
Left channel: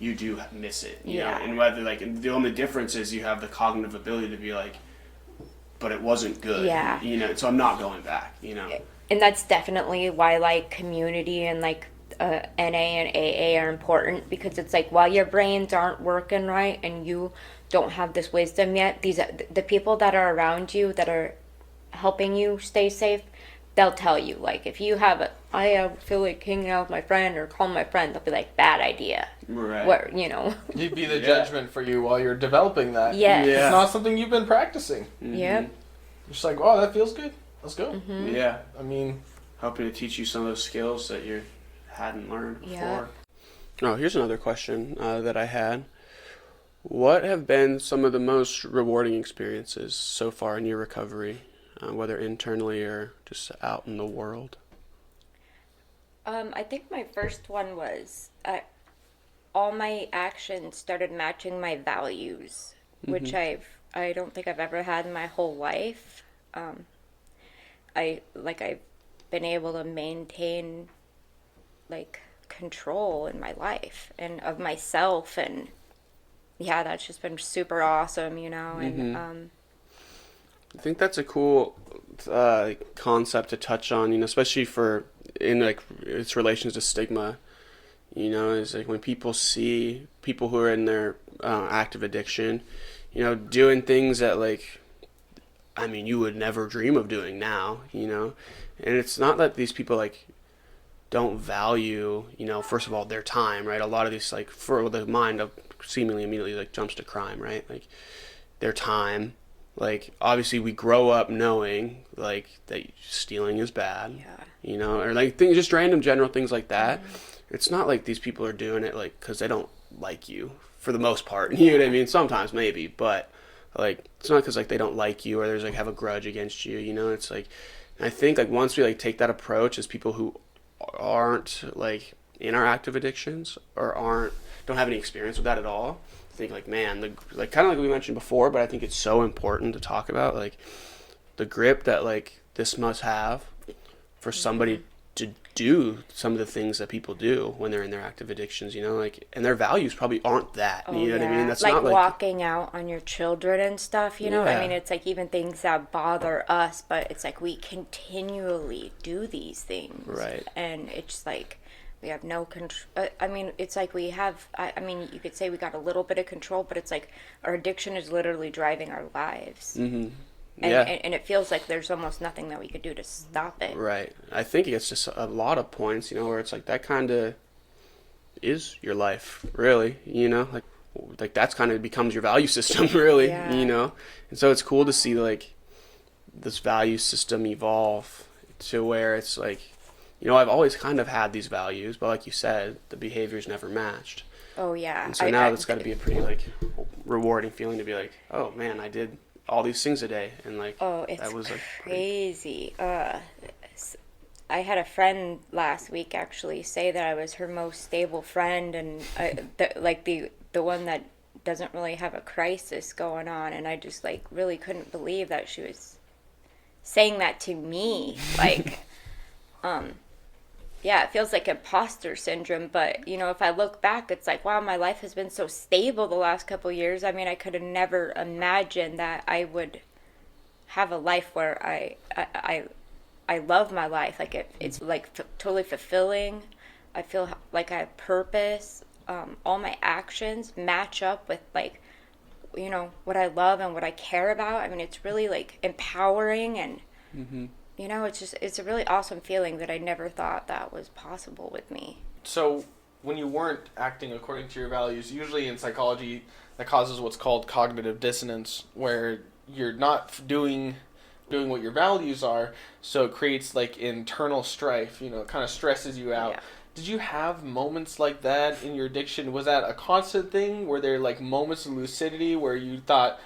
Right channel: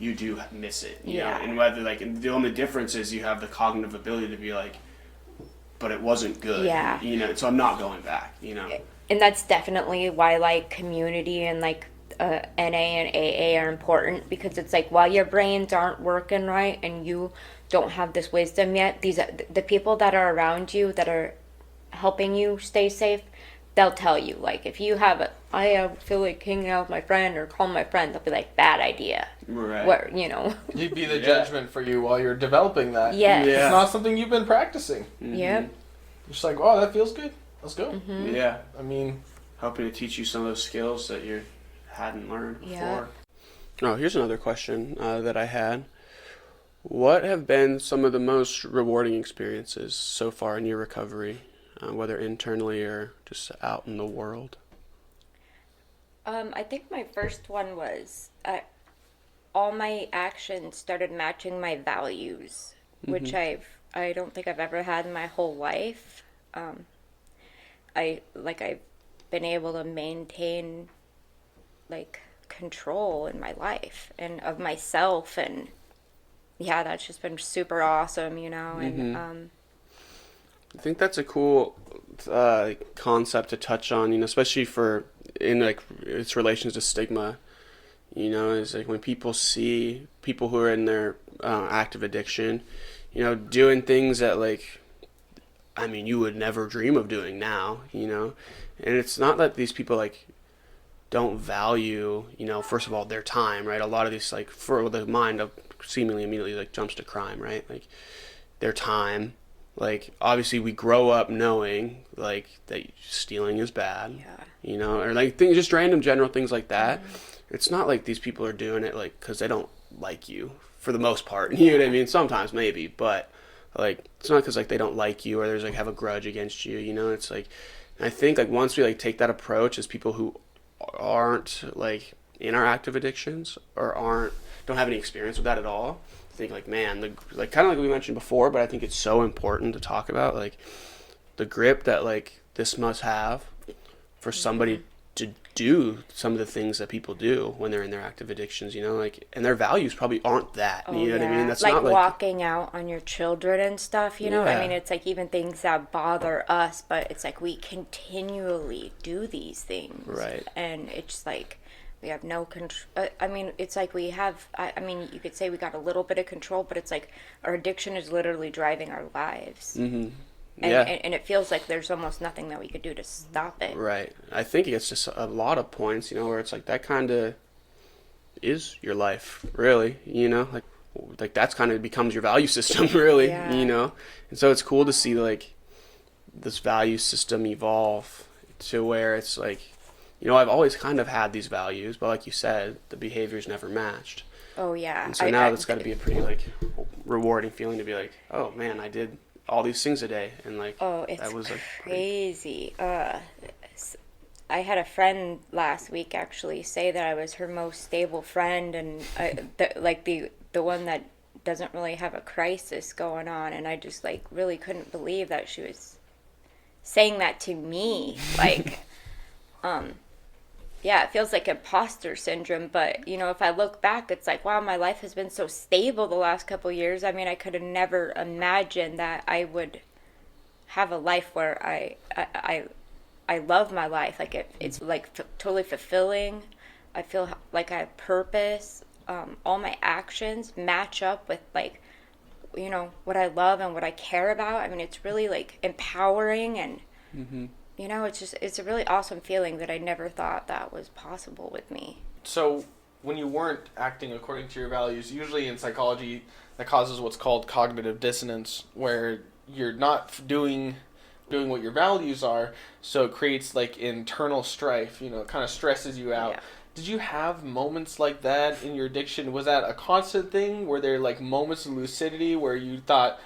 you do miss it. You know? And whether like the only difference is you have the cognitive ability to be like, but it wasn't good. Yeah. So I'm not going back. And that's definitely why like community and like NA and AA are important, because it's like while your brains aren't working right and you don't have this wisdom yet, the people that are around you that are helping you stay safe, they'll tell you like if you have I feel like hanging out with my friend or calling my friend, they'll be like, bad idea. Right. Where You'd be the judgment for you while you're developing that. Yes. It's not something you've been practicing. Yeah. Just like, wow, that feels good. Let's go. Yeah. I mean, helping to teach you some of those skills that you hadn't learned before. Oh, here's another question that I had. What have been some of the most rewarding experiences so far in your recovery, whether internally or just out in the world? I think my first one was all my actions started matching my values, which I don't think I've ever had in my whole life. I've been able to maintain like control in my life and of myself, and that's just been super awesome, and I think that's a cool concept to touch on, especially in like its relations to stigma. Is like when people see people who are in their active addiction, doing things that like, I mean, you would never dream of doing now, and it's not that these people like don't value, first of all, their time, right? A lot of these, like, for the mind of seemingly immediately like jumps to crime, right? Like their time, like, obviously we grow up knowing, like, that stealing is bad, you know, or like things, just random general things like that. It's not like these people are doing it like because they don't like you for the most part. You know what I mean? Sometimes maybe, but like it's not because like they don't like you or there's like have a grudge against you. You know, it's like I think like once we like take that approach as people who aren't like in our active addictions or don't have any experience with that at all, I think like man, like kind of like we mentioned before, but I think it's so important to talk about like the grip that like this must have for somebody to do some of the things that people do when they're in their active addictions, you know, like, and their values probably aren't that, you know what I mean? That's like not like walking out on your children and stuff, you know? I mean, it's like even things that bother us, but it's like we continually do these things. Right. And it's like we have no control. I mean, it's like we have, I mean, you could say we got a little bit of control, but it's like our addiction is literally driving our lives. Mm-hmm. And it feels like there's almost nothing that we could do to stop it. Right. I think it's just a lot of points, you know, where it's like that kind of is your life, really, you know, like that's kind of becomes your value system, really, you know. And so it's cool to see like this value system evolve to where it's like, you know, I've always kind of had these values, but like you said, the behavior's never matched. Oh yeah. And so now it's got to be a pretty like rewarding feeling to be like, oh man, I did all these things a day, and like it's that was like crazy. I had a friend last week actually say that I was her most stable friend, and the one that doesn't really have a crisis going on, and I just like really couldn't believe that she was saying that to me. Like, yeah, it feels like imposter syndrome, but, you know, if I look back, it's like, wow, my life has been so stable the last couple of years. I mean, I could have never imagined that I would have a life where I love my life. Like, it's, like, totally fulfilling. I feel like I have purpose. All my actions match up with, like, you know, what I love and what I care about. I mean, it's really, like, empowering and... Mm-hmm. You know, it's a really awesome feeling that I never thought that was possible with me. So, when you weren't acting according to your values, usually in psychology, that causes what's called cognitive dissonance, where you're not doing what your values are, so it creates, like, internal strife, you know, it kind of stresses you out. Yeah. Did you have moments like that in your addiction? Was that a constant thing? Were there, like, moments of lucidity where you thought,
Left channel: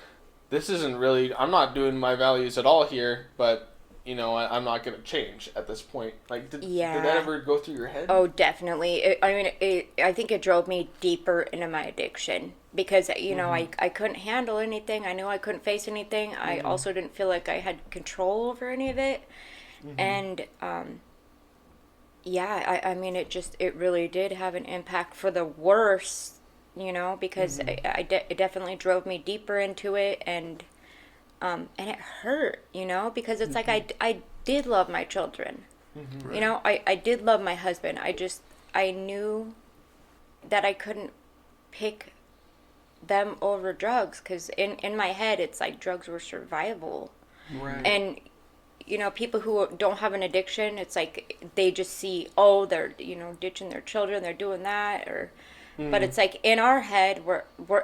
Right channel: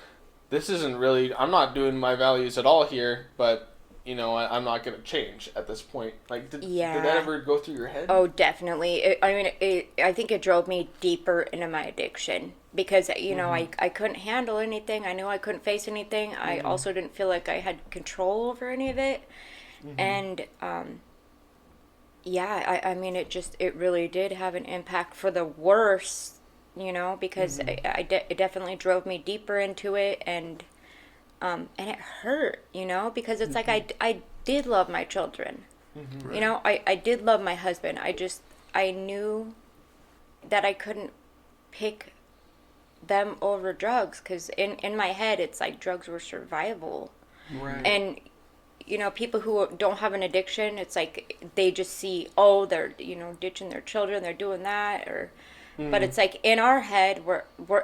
this isn't really, I'm not doing my values at all here, but... you know, I'm not going to change at this point. Like, did that ever go through your head? Oh, definitely. I think it drove me deeper into my addiction because, you know, I couldn't handle anything. I knew I couldn't face anything. I also didn't feel like I had control over any of it. And, I mean, it really did have an impact for the worse, you know, because it definitely drove me deeper into it, and it hurt, you know, because it's like I did love my children. Right. You know, I did love my husband. I knew that I couldn't pick them over drugs because in my head, it's like drugs were survival. Right. And, you know, people who don't have an addiction, it's like they just see, oh, they're, you know, ditching their children, they're doing that. But it's like in our head,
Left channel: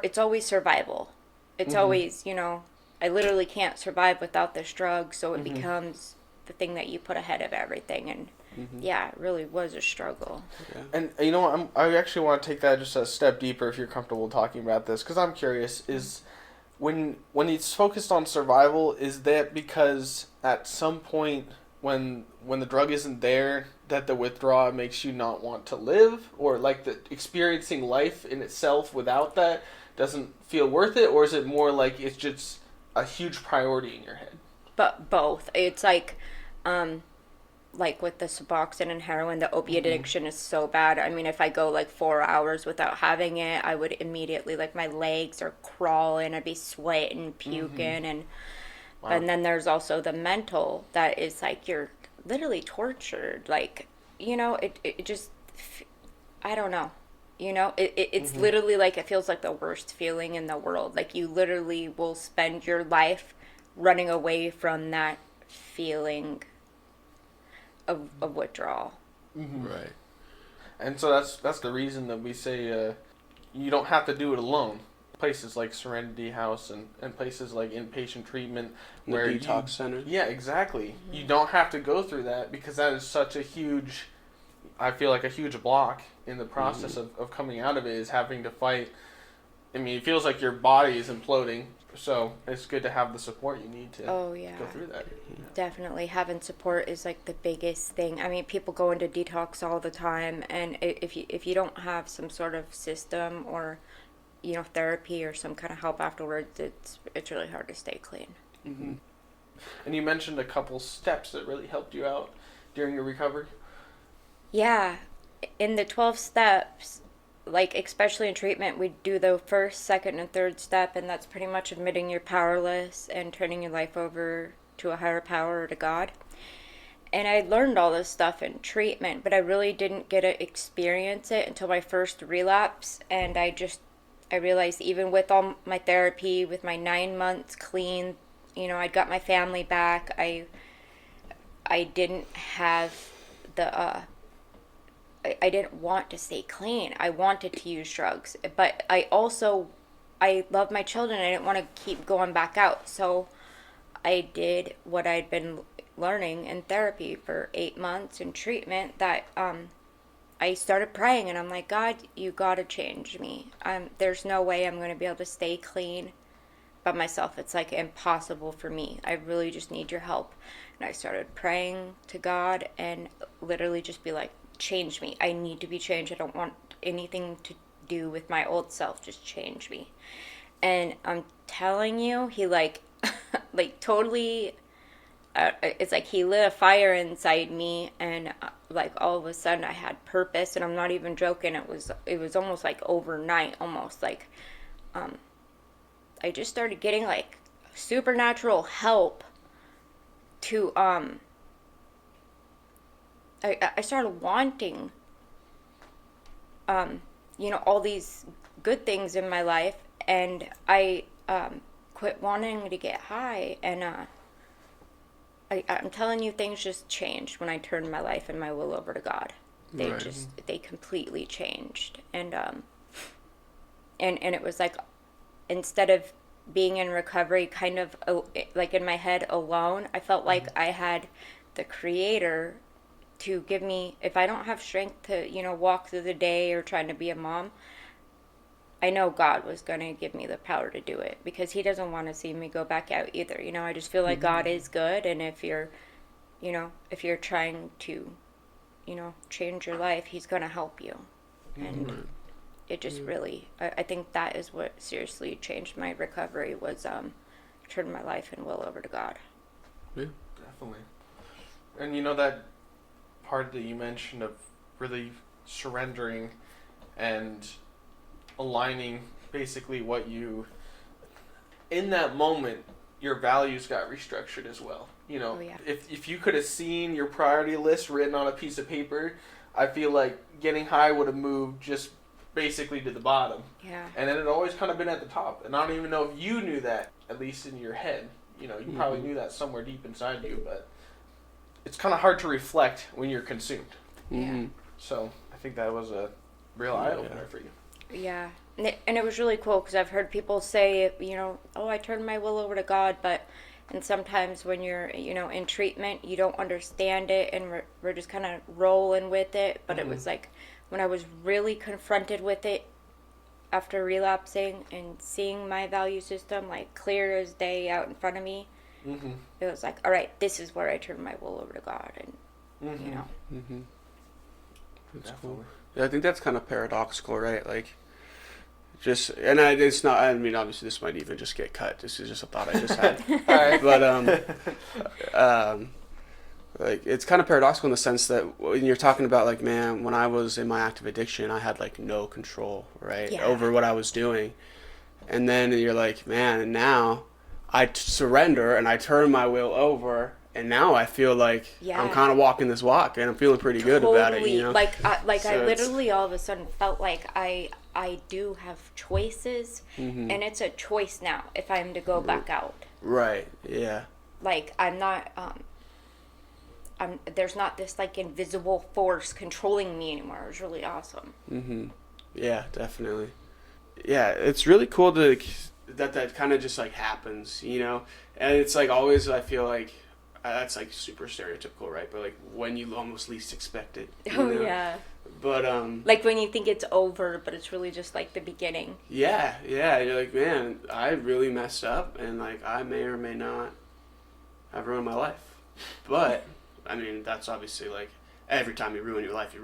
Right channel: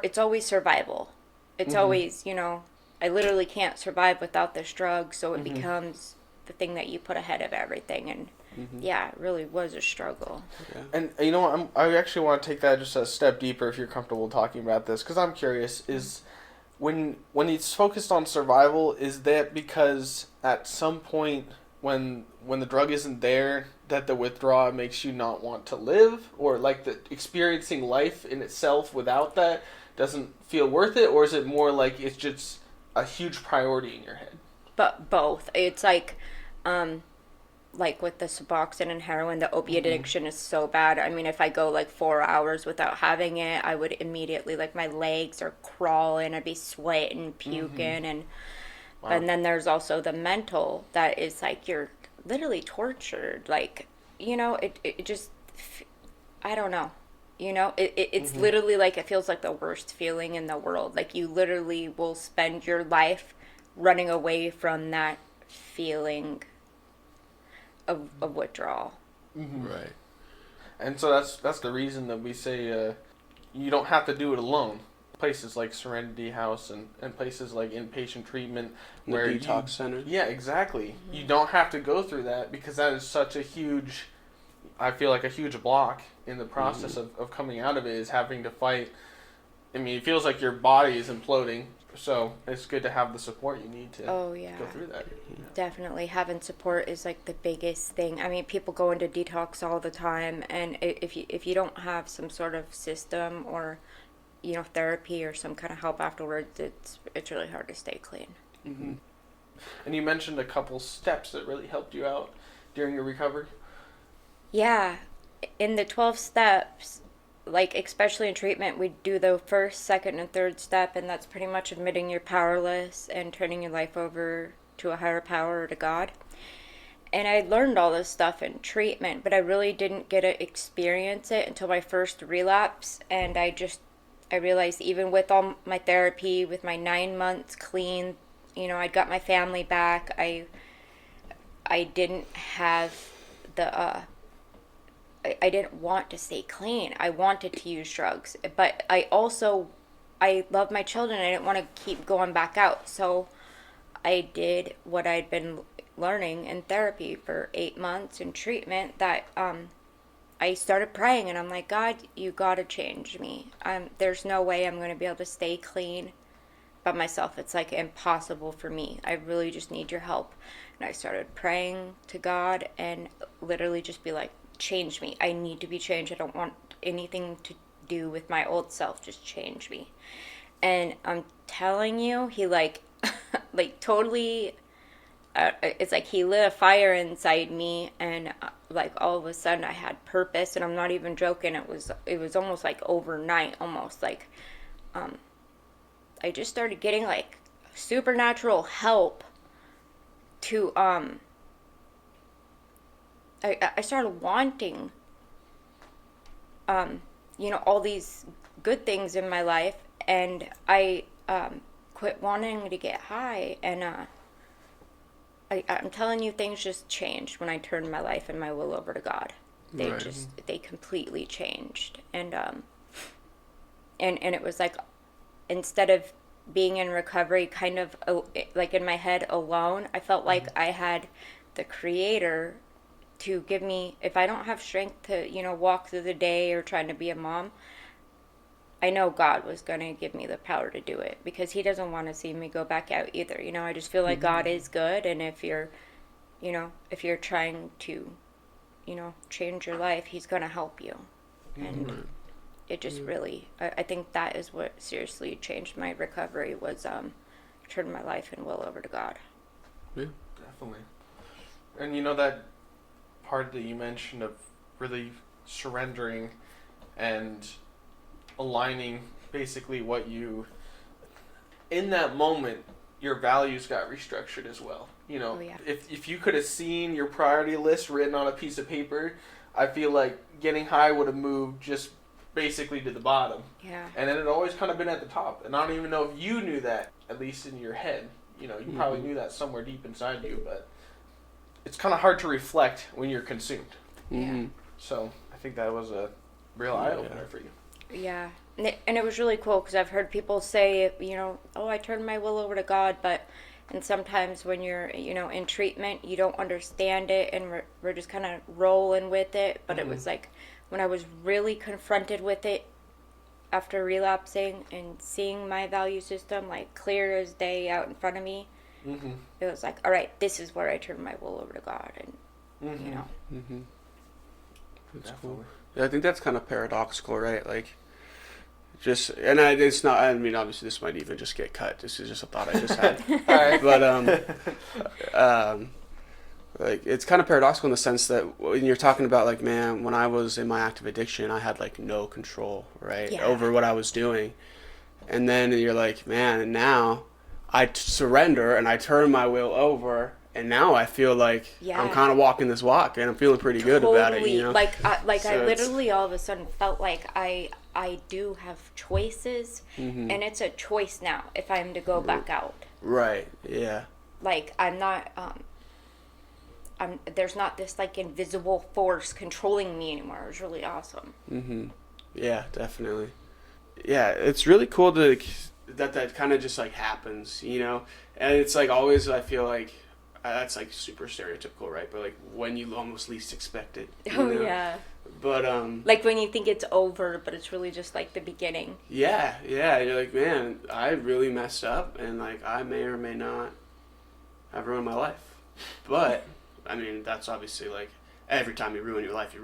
it's always survival. It's always, you know, I literally can't survive without this drug, so it becomes the thing that you put ahead of everything, and it really was a struggle. Yeah. And you know what, I actually want to take that just a step deeper if you're comfortable talking about this, because I'm curious, is when it's focused on survival, is that because at some point when the drug isn't there, that the withdrawal makes you not want to live, or like the experiencing life in itself without that doesn't feel worth it, or is it more like it's just a huge priority in your head? But both. It's like with the Suboxone and heroin, the opiate addiction is so bad. I mean, if I go like 4 hours without having it, I would immediately, like, my legs are crawling, I'd be sweating, puking, and then there's also the mental that is like you're literally tortured. Like, you know, it just, I don't know. You know, it's literally like, it feels like the worst feeling in the world. Like, you literally will spend your life running away from that feeling of withdrawal. Right. And so that's the reason that we say you don't have to do it alone. places like Serenity House and places like inpatient treatment The where detox center. Yeah, exactly. You don't have to go through that because that is such a huge, I feel like a huge block in the process of coming out of it is having to fight. I mean, it feels like your body is imploding, so it's good to have the support you need to go through that. Definitely having support is like the biggest thing. I mean, people go into detox all the time, and if you don't have some sort of system or, you know, therapy or some kind of help afterwards, it's really hard to stay clean. Mm-hmm. And you mentioned a couple steps that really helped you out during your recovery. Yeah, in the 12 steps, like especially in treatment, we do the first, second, and third step, and that's pretty much admitting you're powerless and turning your life over to a higher power or to God. And I learned all this stuff in treatment, but I really didn't get to experience it until my first relapse. And I realized even with all my therapy, with my 9 months clean, you know, I'd got my family back. I didn't have I didn't want to stay clean. I wanted to use drugs, but I love my children. I didn't want to keep going back out. So I did what I'd been learning in therapy for 8 months in treatment, that I started praying, and I'm like, God, you got to change me. There's no way I'm going to be able to stay clean by myself. It's like impossible for me. I really just need your help. And I started praying to God and literally just be like, change me. I need to be changed. I don't want anything to do with my old self. Just change me. And I'm telling you, he like totally, it's like he lit a fire inside me, and like all of a sudden I had purpose. And I'm not even joking. It was almost like overnight, almost like I just started getting like supernatural help to I started wanting you know, all these good things in my life, and I quit wanting to get high. And I'm telling you, things just changed when I turned my life and my will over to God. They completely changed. And it was like, instead of being in recovery kind of like in my head alone, I felt like I had the Creator to give me, if I don't have strength to, you know, walk through the day or trying to be a mom, I know God was going to give me the power to do it, because he doesn't want to see me go back out either. You know, I just feel like God is good, and if you're trying to, you know, change your life, he's going to help you. And it just really, I think that is what seriously changed my recovery, was turning my life and will over to God. Yeah, definitely. And you know, that part that you mentioned of really surrendering and aligning basically what you, in that moment, your values got restructured as well. You know, if you could have seen your priority list written on a piece of paper, I feel like getting high would have moved just basically to the bottom. Yeah. And then it always kind of been at the top. And I don't even know if you knew that, at least in your head. You know, you probably knew that somewhere deep inside you, but it's kind of hard to reflect when you're consumed. Yeah. So I think that was a real eye-opener for you. Yeah. And it was really cool, because I've heard people say, you know, oh, I turned my will over to God, and sometimes when you're, you know, in treatment, you don't understand it, and we're just kind of rolling with it. But it was like, when I was really confronted with it after relapsing and seeing my value system like clear as day out in front of me, it was like, all right, this is where I turn my will over to God. And you know, that's cool. Yeah, I think that's kind of paradoxical, right? Like, it's not, I mean, obviously this might even just get cut. This is just a thought I just had. But like, it's kind of paradoxical in the sense that when you're talking about, like, man, when I was in my active addiction, I had like no control, right, over what I was doing. And then you're like, man, and now I surrender and I turn my will over, and now I feel like I'm kind of walking this walk, and I'm feeling pretty good about it, you know? Like I literally all of a sudden felt like I do have choices, and it's a choice now if I'm to go back out. Right, yeah. Like, I'm not, there's not this, like, invisible force controlling me anymore. It was really awesome. Yeah, definitely. yeah, it's really cool to that kind of just like happens, you know, and it's like always I feel like that's like super stereotypical, right? But like when you almost least expect it. Oh know? yeah. But Like when you think it's over, but it's really just like the beginning. yeah, you're like, man, I really messed up, and like I may or may not have ruined my life. But I mean, that's obviously like every time you ruin your life,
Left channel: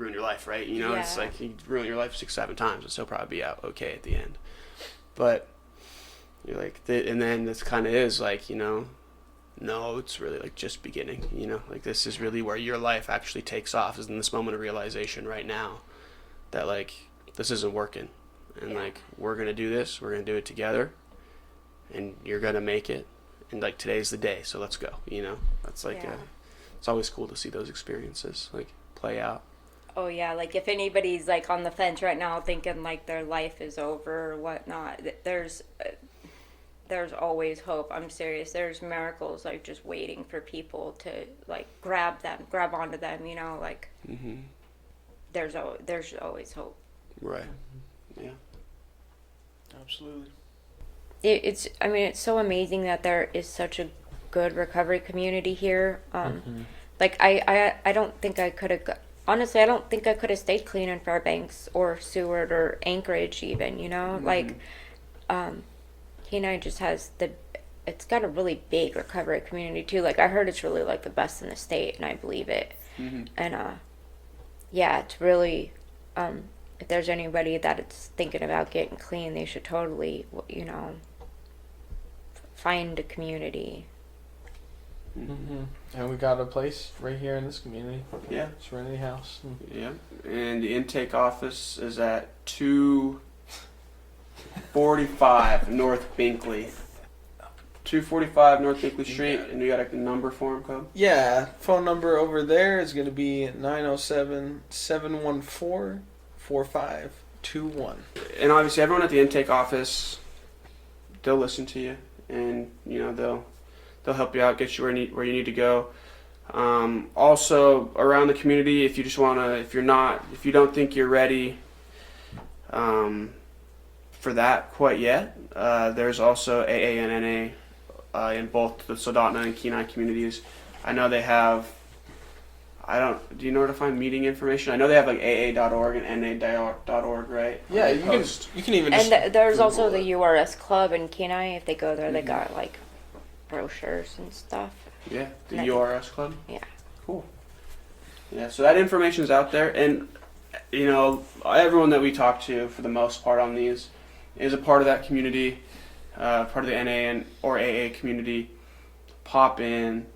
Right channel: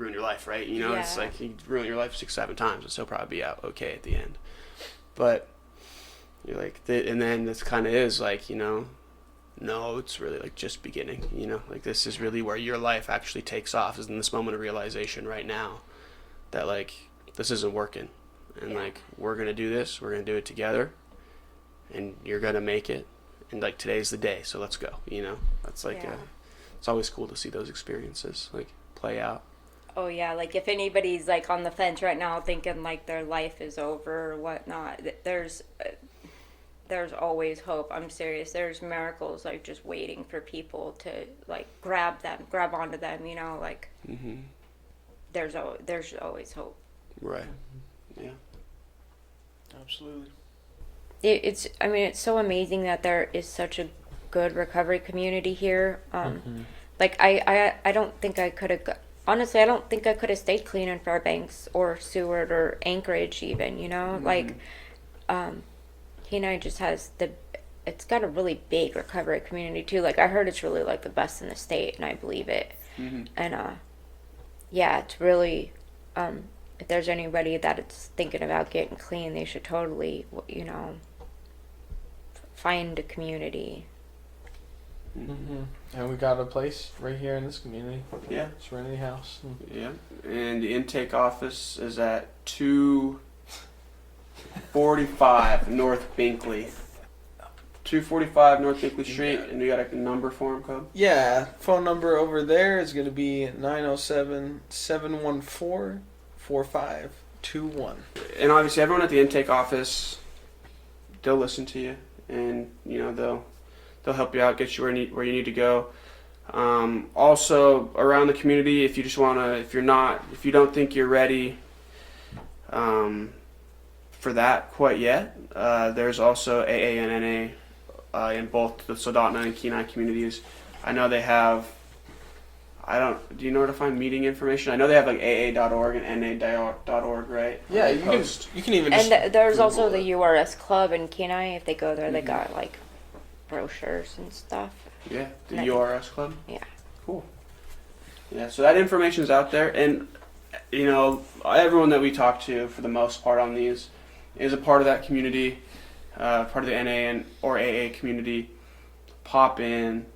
right? You know, it's Yeah. like you ruin your life 6-7 times, and still probably be out okay at the end. But you're like, and then this kind of is like, you know, no, it's really like just beginning, you know, like this is really where your life actually takes off, is in this moment of realization right now that like this isn't working, and like we're gonna do this, we're gonna do it together, and you're gonna make it, and like today's the day, so let's go, you know. That's like it's always cool to see those experiences like play out. Oh yeah, like if anybody's like on the fence right now thinking like their life is over or whatnot, there's always hope. I'm serious. There's miracles like just waiting for people to like grab onto them, you know, like there's always hope. Right. Yeah. Absolutely. It's so amazing that there is such a good recovery community here. Like I don't think I could have, honestly, I don't think I could have stayed clean in Fairbanks or Seward or Anchorage even, you know, like Kenai just has it's got a really big recovery community too. Like I heard it's really like the best in the state, and I believe it. And yeah, it's really if there's anybody that is thinking about getting clean, they should totally, you know, find a community. And we got a place right here in this community. Yeah. Serenity House. Yeah, and the intake office is at 245 North Binkley. 245 North Binkley Street, and you got a number for him, Cobb? Yeah, phone number over there is going to be 907-714-4521. And obviously, everyone at the intake office, they'll listen to you, and you know they'll help you out, get you where you need to go. Also, around the community, if you just wanna, if you don't think you're ready for that quite yet, there's also AA and NA in both the Soldotna and Kenai communities. I know they have. Do you know where to find meeting information? I know they have like AA.org and NA.org, right? Yeah, you can even just. And there's Google also it. the URS Club in Kenai. If they go there, they got like brochures and stuff. Yeah, the URS Club. Yeah. Cool. Yeah, so that information's out there, and you know, everyone that we talk to, for the most part on these, is a part of that community, part of the NA or AA community. Pop in,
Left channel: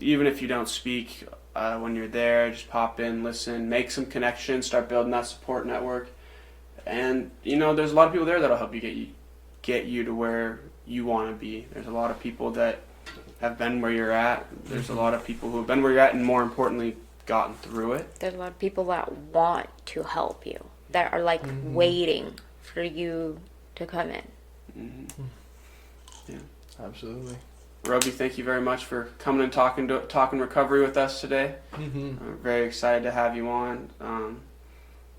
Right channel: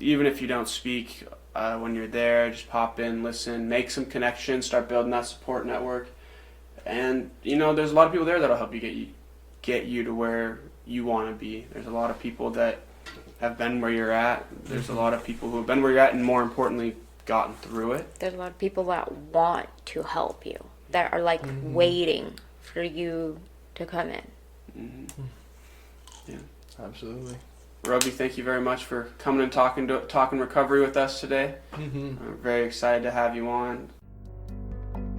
even if you don't speak when you're there, just pop in, listen, make some connections, start building that support network, and you know, there's a lot of people there that'll help you get you to where you want to be. There's a lot of people that have been where you're at. There's a lot of people who have been where you're at, and more importantly, gotten through it. There's a lot of people that want to help you, that are like waiting for you to come in. Yeah, Absolutely. Robi, thank you very much for coming and talking recovery with us today. I'm very excited to have you on.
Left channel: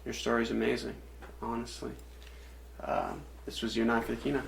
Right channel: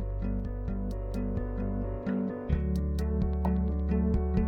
Your story's amazing, honestly. This was you and I for the Kenai.